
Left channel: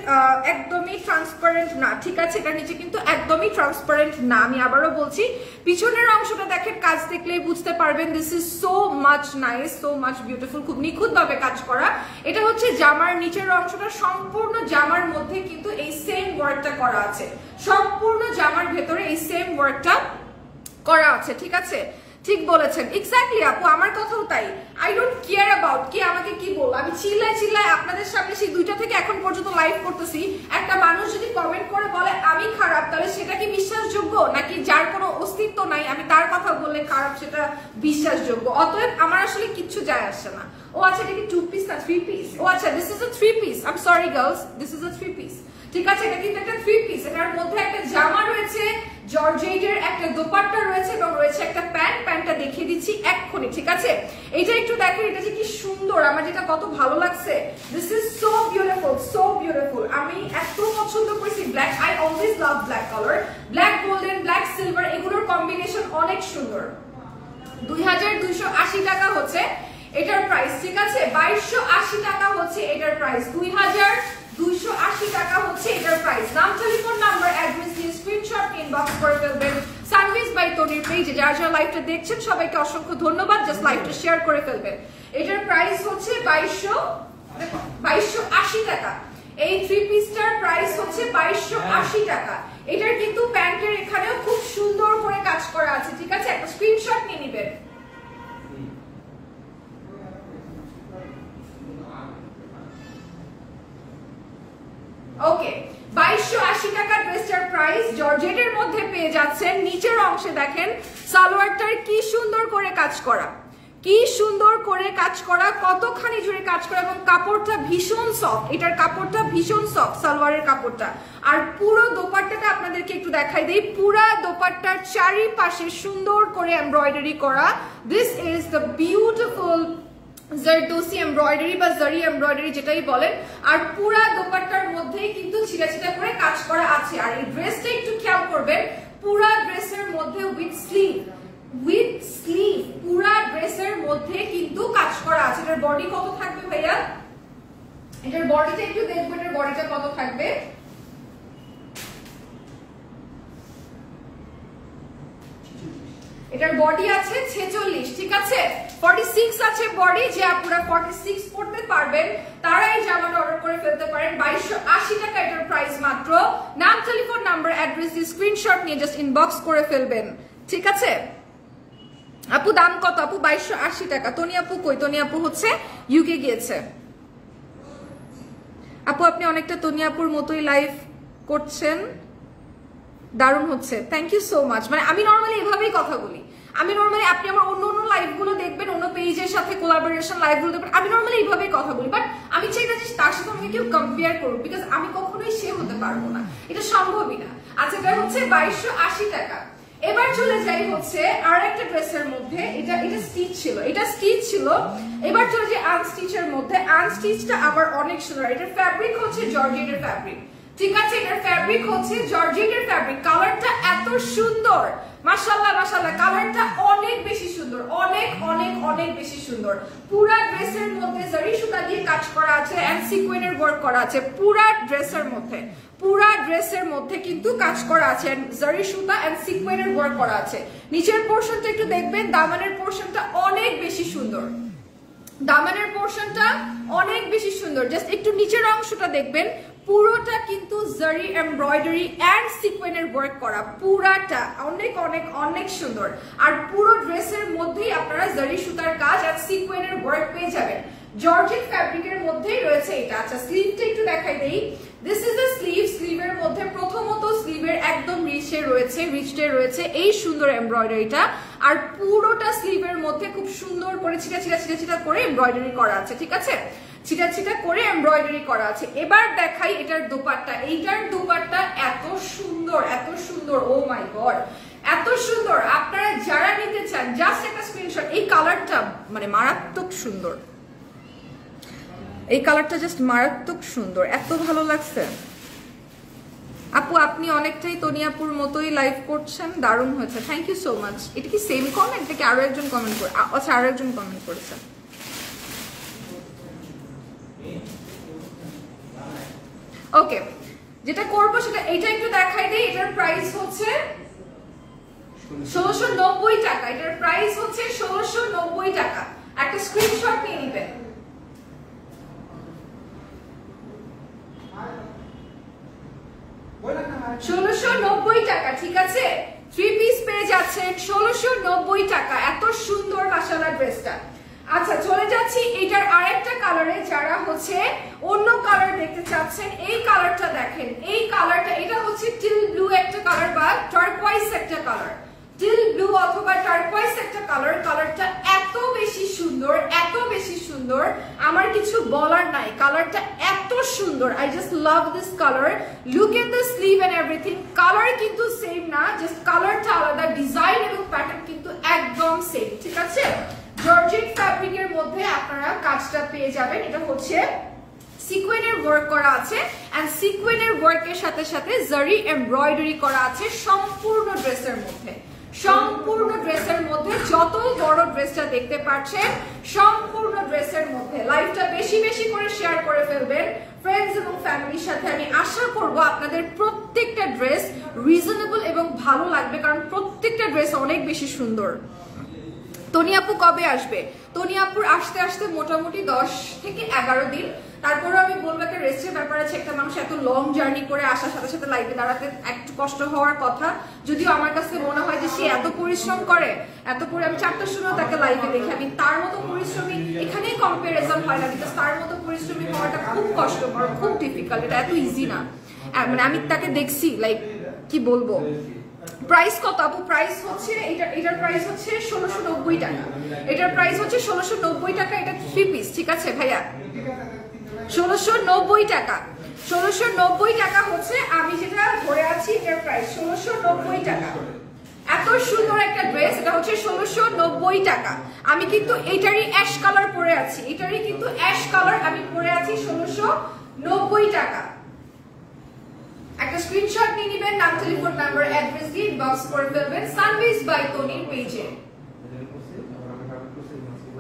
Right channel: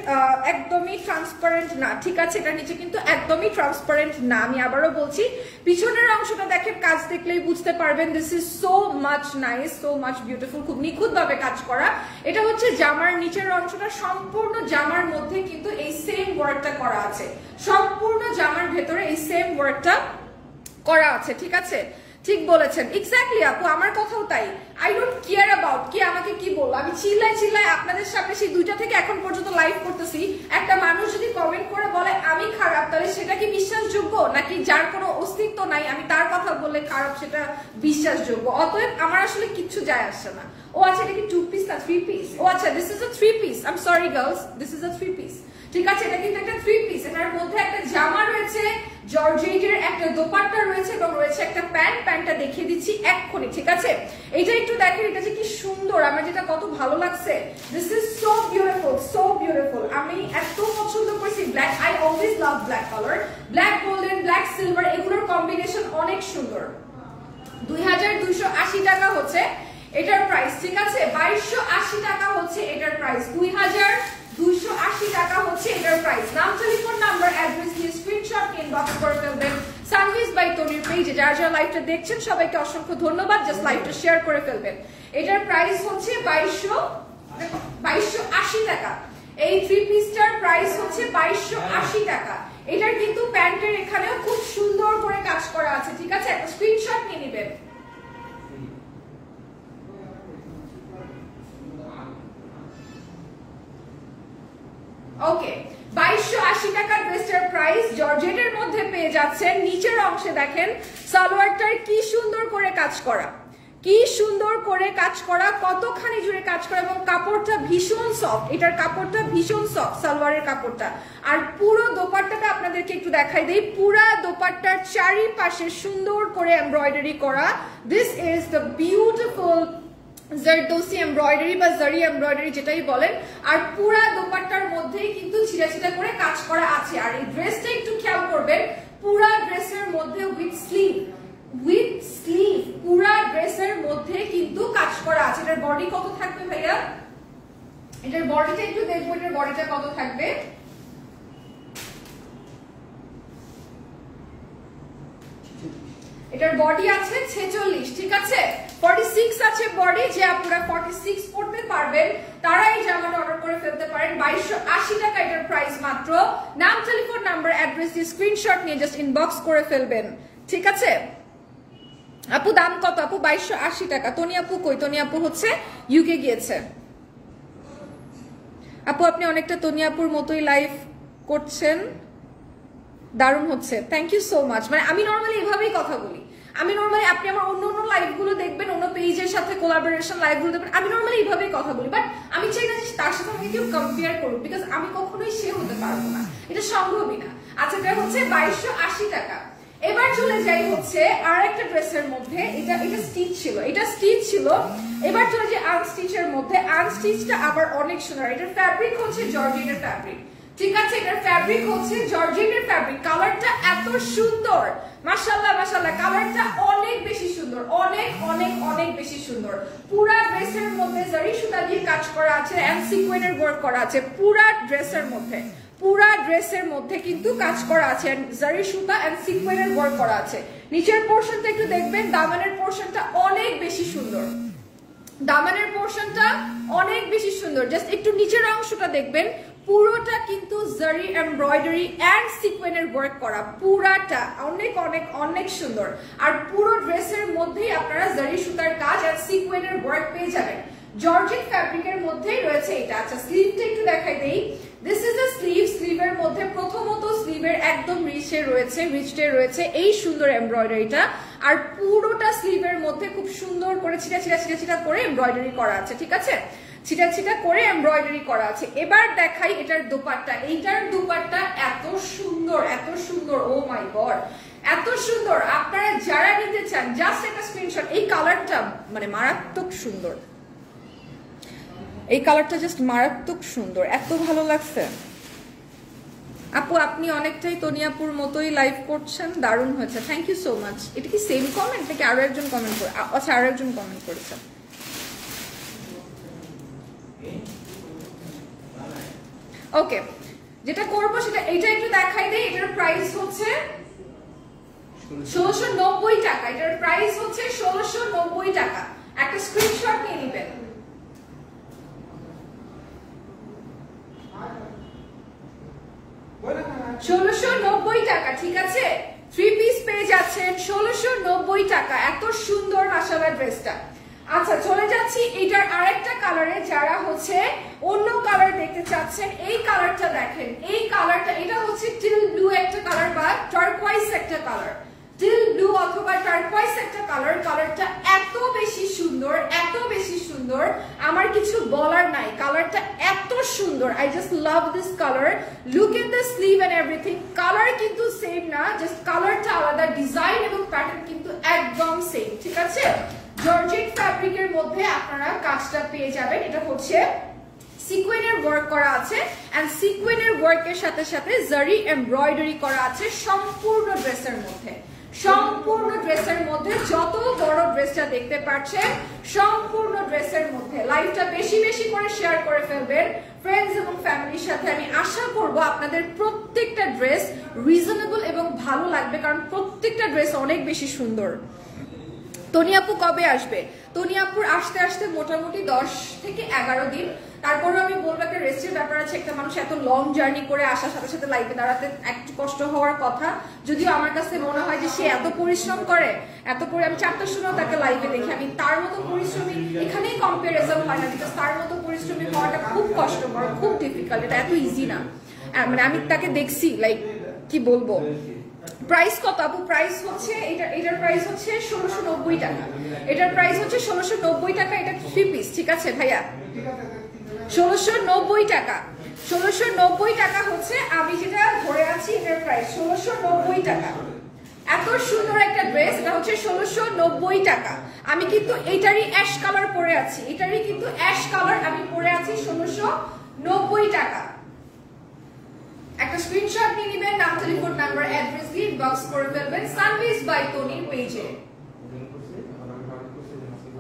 একদমই ট্রান্সপারেন্ট না, ঠিক আছে, এটার নিচে কিন্তু একদমই ট্রান্সপারেন্ট না। আমি আবারও বলছি, পিছনের অংশটা দেখেন, কাজ দেখলেই বুঝতে পারবেন। This is so much nice, so much beautiful, খুব নিখুঁত ভাবে কাজ করা। এটা হচ্ছে জামার নিচের অংশটা, সম্পূর্ণ জামার মধ্যে কিন্তু এই সেম ওয়ার্কটা করা আছে, সম্পূর্ণ জামার ভেতরে এই সেম ওয়ার্কটা করা আছে, ঠিক আছে, ঠিক বলেছেন, এক্স্যাক্টলি আপু, আমার কথাও তাই। আই ডোন্ট কেয়ার অ্যাবাউট কি আমাকে কি বলবো, আমি চিল্লায় আপনাদের সামনে সেই 2টা থেকে এখন পর্যন্ত লাইভ করতেছি। একটা মানুষ যদি কমেন্ট করে বলে আমি খারাপ, তাহলে সেটা কি বিশ্বাসযোগ্য? নাকি যার কোনো অস্তিত্ব নাই আমি তার কথা বললে খারাপ সেটা বিশ্বাসযোগ্য? অতএব আমার আসলে কিচ্ছু যায় আসছে না। ও আচ্ছা, এটা কি 2 পিস না 3 পিস? ও আচ্ছা, this is a 3 piece. I am sorry girls, this is a 3 piece, ঠিক আছে, এটা কিন্তু একটা 3 পিস। এটার মধ্যে একটা জামা রয়েছে, জর্জেটের একটা দোপাট্টা রয়েছে এবং রয়েছে একটা প্যান্ট। প্যান্টটা দেখিয়ে দিচ্ছি এক্ষুনি, ঠিক আছে। এইটা একটু দেখেন, এটা যে কি সুন্দর, আমার যেটা কত ভালো লাগছে। This is so beautiful, so beautiful. আমি এত পছন্দ করছি black, I always love black colour. Black golden, black silver, এগুলোর কম্বিনেশন অনেক সুন্দর। 2280 টাকা হচ্ছে এটার প্রাইস, ঠিক আছে, 2280 টাকা হচ্ছে এটার প্রাইস, 2280 টাকা হচ্ছে এটার প্রাইস। নাম, টেলিফোন নাম্বার, অ্যাড্রেস দিয়ে স্ক্রিনশট ইনবক্স করে ফেলবেন সানভিজ বাই তনির পেজে। যারা যারা লাইভটা দেখছেন সবাইকে অসংখ্য ধন্যবাদ, জাস্ট লাইভটা শেয়ার করে ফেলবেন। এটার প্রাইস হচ্ছে 2280 টাকা। এই 3 পিসটার প্রাইস হচ্ছে 2280 টাকা। এটার কিন্তু প্যান্টের এখানেও খুব সুন্দর করে কাজ করা আছে, ঠিক আছে, একটা স্ক্রিনশট নিয়ে নেবেন। ওকে, 2280 টাকা ড্রেসটার প্রাইস। জর্জেটের মধ্যে পেয়ে যাচ্ছেন। নিচের অংশে দেখেন সালোয়ারটার কি সুন্দর করে কাজ করা, কি সুন্দর করে কাজ করা, কতখানি জুড়ে কাজ করা, এবং কাপড়টা ভীষণ সফট, এটার কাপড়টা ভীষণ সফট, সালোয়ারের কাপড়টা। আর পুরো দোপাট্টাটা আপনাদেরকে একটু দেখাই দেই, পুরা দোপাট্টার চারিপাশে সুন্দর করে এমব্রয়ডারি করা। This is the beautiful zardozi embroidery বা জারি এমব্রয়ডারি যেটাই বলেন। আর পুরা দোপাট্টার মধ্যেই কিন্তু ছিটা ছিটা করে কাজ করা আছে। আর এই ড্রেসটা একটু খেয়াল করবেন, পুরা ড্রেসের মধ্যে উইথ স্লিভ, পুরা ড্রেসের মধ্যে কিন্তু কাজ করা আছে। এটার বডি কত থাকবে ভাইয়া? এটার বডিটা একটু দেখবো, এটার বডিটা কত থাকবে। এটার বডি আছে 46, ঠিক আছে, 46 আছে বডি। যে আপুরা 46 পড়তে পারবেন তারা এই জামাটা অর্ডার করে ফেলতে পারেন। 2280 টাকা এটার প্রাইস মাত্র। নাম, টেলিফোন নাম্বার, অ্যাড্রেস দিয়ে স্ক্রিনশট নিয়ে জাস্ট ইনবক্স করে ফেলবেন, ঠিক আছে। আপু দাম কত? আপু 2280 টাকা। তনি আপু কই? তনি আপু হচ্ছে ইউকে গিয়েছে। আপু আপনি অনেকটা তনি আপুর মতোই লাইভ করছেন, দারুণ হচ্ছে, থ্যাংক ইউ সো মাচ। মানে আমি নর্মালি এভাবেই কথা বলি, আমি নর্মালি, আপনি আমার অন্য অন্য লাইভ গুলো দেখবেন, অন্য পেজের সাথে কোলাবোরেশন লাইভ গুলো দেখবেন, আমি নর্মালি এইভাবেই কথা বলি। বাট আমি চাই না যে তার সাথে আমি কেউ কম্পেয়ার করবো, বিকজ আমি কখনোই সে হতে পারবো না, এটা সম্ভবই না। আচ্ছা, এটা হচ্ছে 2280 টাকা। এবার চলে যাই হচ্ছে আর একটা ড্রেসের মধ্যে, এটা স্টিচ ছিল, এটা স্টিচ ছিল। এবার চলে যাই আনস্টিচের মধ্যে। আনস্টিচটা আবার অনেক সুন্দর। এটার ফ্যাব্রিক হচ্ছে জর্জেটের ফ্যাব্রিক, ঠিক আছে, এটার ফ্যাব্রিক হচ্ছে জর্জেটের ফ্যাব্রিক। কালারটা এত সুন্দর, মাশাআল্লাহ মাশাআল্লাহ, কালারটা অনেক বেশি সুন্দর, অনেক অনেক অনেক বেশি সুন্দর। পুরা ড্রেসের মধ্যে জারি সুতা দিয়ে কাজ করা আছে এন্ড সিকোয়েন্সের ওয়ার্ক করা আছে। পুরা ড্রেসের মধ্যে কিন্তু কাজ করা আছে, জারি সুতা এন্ড সিকোয়েন্সের ওয়ার্ক করা আছে। নিচের পোরশনটা একটু দেখবেন, দামানের পোরশনটা অনেক বেশি সুন্দর, দামানের পোরশনটা অনেক বেশি সুন্দর। জাস্ট একটু নিচের অংশটা দেখবেন, পুরোটা কিন্তু জারি এমব্রয়ডারি এন্ড সিকোয়েন্সের ওয়ার্ক করা, পুরাটা অনেক অনেক অনেক সুন্দর। আর পুরো ড্রেসের মধ্যেই আপনারা জারি সুতার কাজ আর সিকোয়েন্সের ওয়ার্ক পেয়ে যাবেন। জর্জেট ফ্যাব্রিকের মধ্যেই রয়েছে এটা। আচ্ছা, স্লিভটা একটু দেখাই দেই। This is a sleeve. স্লিভের মধ্যে প্রথমত স্লিভের একদম রিচে রয়েছে এই সুন্দর এমব্রয়ডারিটা। আর পুরোটা স্লিভের মধ্যে খুব সুন্দর করে ছিটা ছিটা করে এমব্রয়ডারি করা আছে, ঠিক আছে। ছিটা ছিটা করে এমব্রয়ডারি করা আছে। এবার দেখাই এটার দোপাট্টা। এইটার দোপাট্টা এত সুন্দর, ও মাই গড, এত সুন্দর। আপনারা যারা নিতে চান জাস্ট একটা স্ক্রিনশট। এই কালারটা মানে মারাত্মক সুন্দর, এই কালারটা জাস্ট মারাত্মক সুন্দর, এত ভালো লাগছে। আপু আপনি অনেকটাই তনিয়াপুর মতোই লাইভ করছেন, দারুণ হয়েছে, থ্যাংক ইউ সো মাচ। এটা কি সেম কমেন্ট নাকি আরো একজন কমেন্ট করে? আচ্ছা আরো একজন কমেন্ট করেছে। ওকে, যেটা করবো সেটা এইটা একটু দেখাই দিই। এটার প্রাইস হচ্ছে 1690 টাকা। এটার প্রাইস হচ্ছে 1690 টাকা। একটা স্ক্রিনশট নিয়ে নেবেন। 1690 টাকা, ঠিক আছে? 3 পিস পেয়ে যাচ্ছেন 1690 টাকা। এত সুন্দর মাশাআল্লাহ ড্রেসটা। আচ্ছা চলে যাচ্ছি এটার আরেকটা কালারে। যারা হচ্ছে অন্য কালার দেখতে চাচ্ছেন, এই কালারটা দেখেন। এই কালারটা, এটা হচ্ছে টিল ব্লু একটা কালার বা টার্কোয়াইজ একটা কালার, টিল ব্লু অথবা টার্কোয়াইজ একটা কালার। কালারটা এত বেশি সুন্দর, এত বেশি সুন্দর, আমার কিছু বলার নাই। কালারটা এত সুন্দর, I just love this colour. Look at the sleeve and everything. Colour কিন্তু সেম না, জাস্ট কালারটা আলাদা, ডিজাইন এবং প্যাটার্ন কিন্তু একদম সেম, ঠিক আছে? জর্জেট ফ্যাব্রিকের মধ্যে আপনারা কাজটা পেয়ে যাবেন। এটা হচ্ছে সিকোয়েনের ওয়ার্ক করা আছে, এন্ড সিকোয়েনের ওয়ার্কের সাথে সাথে জারি এমব্রয়ডারি করা আছে সম্পূর্ণ ড্রেসের মধ্যে। সম্পূর্ণ ড্রেসের মধ্যে, যত বড় ড্রেসটা দেখতে পাচ্ছেন সম্পূর্ণ ড্রেসের মধ্যে। লাইভটা বেশি বেশি করে শেয়ার করে ফেলবেন ফ্রেন্ডস এবং ফ্যামিলির সাথে। আমি আশা করব আপনাদের প্রত্যেকটা ড্রেস রিজনেবল এবং ভালো লাগবে, কারণ প্রত্যেকটা ড্রেস অনেক বেশি সুন্দর। তনিয়াপু কবে আসবে? তনিয়াপুর আসতে আসতে মোটামুটি 10 থেকে 11 দিন। তারপরে আমি বলবো একটা রেস্টের ব্যাপার আছে। একটা মানুষ এত লং জার্নি করে আসার সাথে সাথে লাইভে দাঁড়াতে একটু কষ্ট হওয়ার কথা। যদিও আমার কাছে মনে হয় যে সে এত পরিশ্রম করে, এত করে আমি 4টার সময় তাকে লাইভে দেখি, আমি তার মতো পরিশ্রমী এখানেই কম্পারিজন হয় না, বিকজ তার মতো পরিশ্রমী হওয়াটা খুব কষ্টকর, খুব ডিফিকাল্ট, এটা এত ইজি না। মানে আমি তাকে দেখছি, লাইক কি বলবো। প্রাইস কত আপু? প্রাইস হচ্ছে এটার প্রাইস হচ্ছে 1690 টাকা। এটার প্রাইস হচ্ছে 1690 টাকা। এটা 3 পিস, ঠিক আছে ভাইয়া? 1690 টাকা। 1690 টাকা হচ্ছে আমি যেটা ধরে আছি, এটার প্রাইস 1690 টাকা। এত সুন্দর একটা ড্রেস, এটা হচ্ছে 1690 টাকা। আমি কিন্তু এটারই অ্যাশ কালার পরে আছি, এটারই কিন্তু অ্যাশ কালার আমি পরে আছি 1690 টাকা। একটা স্ক্রিনশট নিয়ে নেবেন, নাম, টেলিফোন নাম্বার, অ্যাড্রেস দিয়ে ইনবক্স করে ফেলবেন সানভিস বাই টনি পেজে।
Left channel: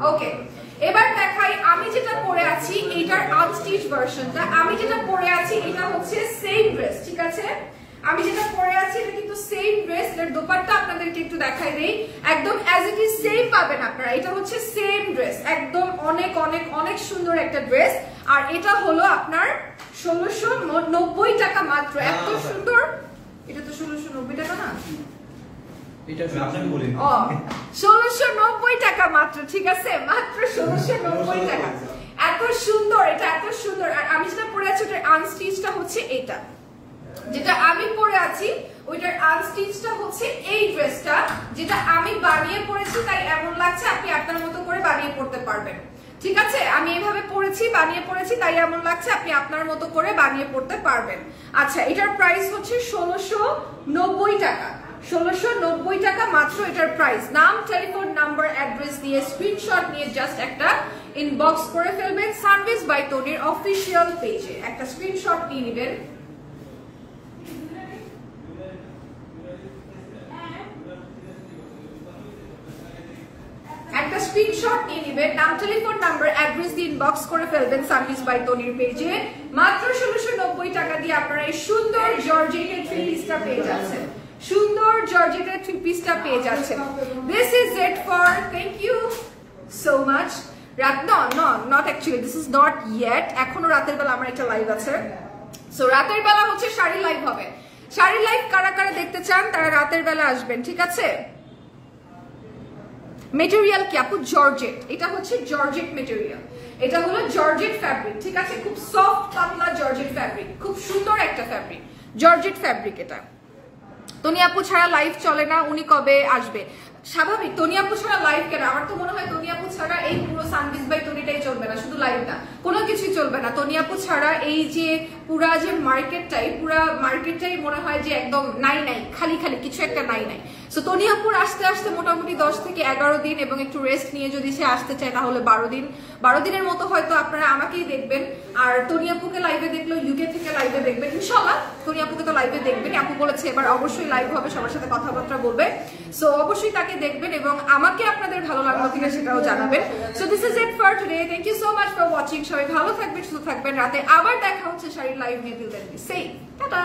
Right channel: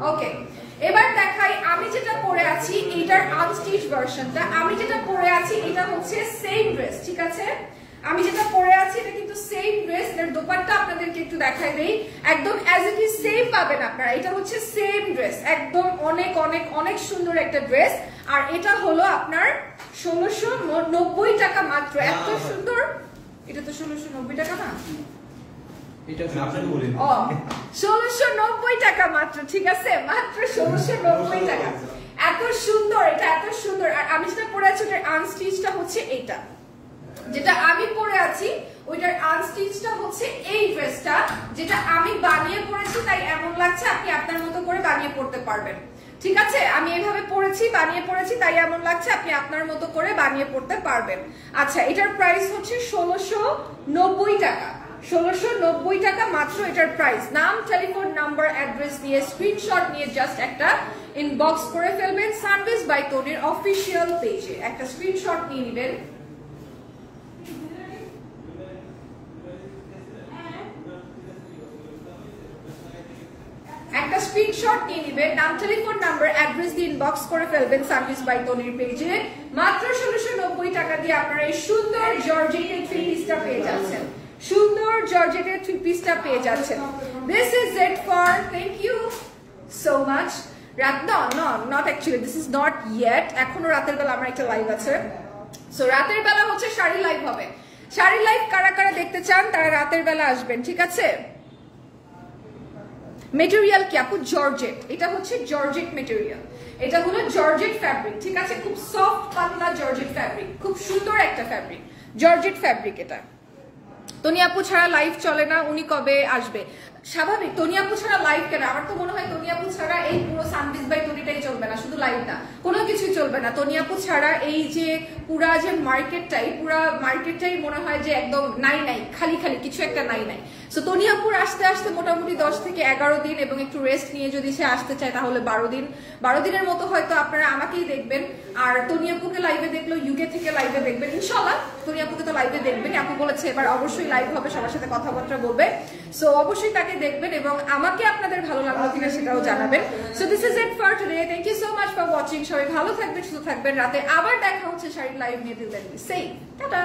ওকে, এবার দেখাই আমি যেটা পরে আছি, এটার আনস্টিচ ভার্সনটা। আমি যেটা পরে আছি এটা হচ্ছে সেম ড্রেস, ঠিক আছে? আমি যেটা পরে আছি এটা কিন্তু সেম ড্রেস। এর দোপাট্টা আপনাদেরকে একটু দেখাই দেই, একদম অ্যাজ ইট ইজ সেম পাবেন আপনারা। এটা হচ্ছে সেম ড্রেস, একদম অনেক অনেক অনেক সুন্দর একটা ড্রেস। আর এটা হলো আপনার 1690 টাকা মাত্র। এত সুন্দর, এটা তো 1690 টাকা না, এটা আপনাকে বলি। ও 1690 টাকা মাত্র, ঠিক আছে? মাত্র 1690 টাকা। এত সুন্দর, এটা এত সুন্দর। আর আমি যেটা পরে আছি ওটার আনস্টিচটা হচ্ছে এটা, যেটা আমি পরে আছি ওইটার আনস্টিচটা হচ্ছে এই ড্রেসটা, যেটা আমি বানিয়ে পরেছি তাই এমন লাগছে। আপনি আপনার মতো করে বানিয়ে পড়তে পারবেন, ঠিক আছে? আমি এইভাবে পরেছি, বানিয়ে পড়েছি তাই এমন লাগছে, আপনি আপনার মতো করে বানিয়ে পড়তে পারবেন। আচ্ছা, এটার প্রাইস হচ্ছে 1690 টাকা। 1690 টাকা মাত্র এটার প্রাইস। নাম, টেলিফোন নাম্বার, অ্যাড্রেস দিয়ে স্ক্রিনশট নিয়ে জাস্ট একটা ইনবক্স করে ফেলবেন সানভিস বাই টনির অফিসিয়াল পেজে। একটা স্ক্রিনশট নিয়ে নেবেন। একটা স্ক্রিনশট নিয়ে নেবেন, নাম, টেলিফোন নাম্বার, অ্যাড্রেস দিয়ে ইনবক্স করে ফেলবেন সানভিস বাই টনির পেজে। মাত্র 1690 টাকা দিয়ে আপনারা এই সুন্দর জর্জেটের 3 পিসটা পেয়ে যাচ্ছেন। সুন্দর জর্জেটের 3 পিসটা পেয়ে যাচ্ছেন। This is it for, thank you so much. Not actually, this is not yet. এখনো রাতের বেলা আমার একটা লাইভ আছে। সো রাতের বেলা হচ্ছে শাড়ি লাইভ হবে। শাড়ি লাইভ কারা কারা দেখতে চান তারা রাতের বেলা আসবেন, ঠিক আছে? মেটেরিয়াল কি আপু? জর্জেট। এটা হচ্ছে জর্জেট মেটেরিয়াল, এটা হলো জর্জেট ফ্যাব্রিক, ঠিক আছে? খুব সফট পাতলা জর্জেট ফ্যাব্রিক, খুব সুন্দর একটা ফ্যাব্রিক, জর্জেট ফ্যাব্রিক। এটা তনি আপু ছাড়া লাইভ চলে না, উনি কবে আসবে? স্বাভাবিক তনিয়াপু ছাড়া লাইভ কেন? আমার তো মনে হয় তনিয়াপু ছাড়া এই পুরো সানবিজ বাই তনিটাই চলবে না, শুধু লাইভটা, কোনো কিছুই চলবে না। তনিয়াপু ছাড়া এই যে পুরা যে মার্কেটটাই, পুরা মার্কেটটাই মনে হয় যে একদম নাই নাই, খালি খালি কিছু একটা নাই নাই। সো তনিয়াপুর আসতে আসতে মোটামুটি 10 থেকে 11 দিন, এবং একটু রেস্ট নিয়ে যদি সে আসতে চায় তাহলে 12 দিনের মতো হয়তো আপনারা আমাকেই দেখবেন। আর তনিয়াপুকে লাইভে দেখলো ইউকে থেকে লাইভে দেখবেন ইনশাল্লাহ। তনিয়াপুকে তো লাইভে দেখবেন, আপু বলেছে এবার অবশ্যই লাইভ হবে, সবার সাথে কথাবার্তা বলবে। সো অবশ্যই তাকে দেখবেন এবং আমাকে আপনাদের ভালো লাগলো কিনা সেটাও জানাবেন। So this is it for today. Thank you so much for watching. সবাই ভালো থাকবেন, সুস্থ থাকবেন। রাতে আবার দেখা হচ্ছে শাড়ির লাইভ নিয়ে। Till then be safe, tata.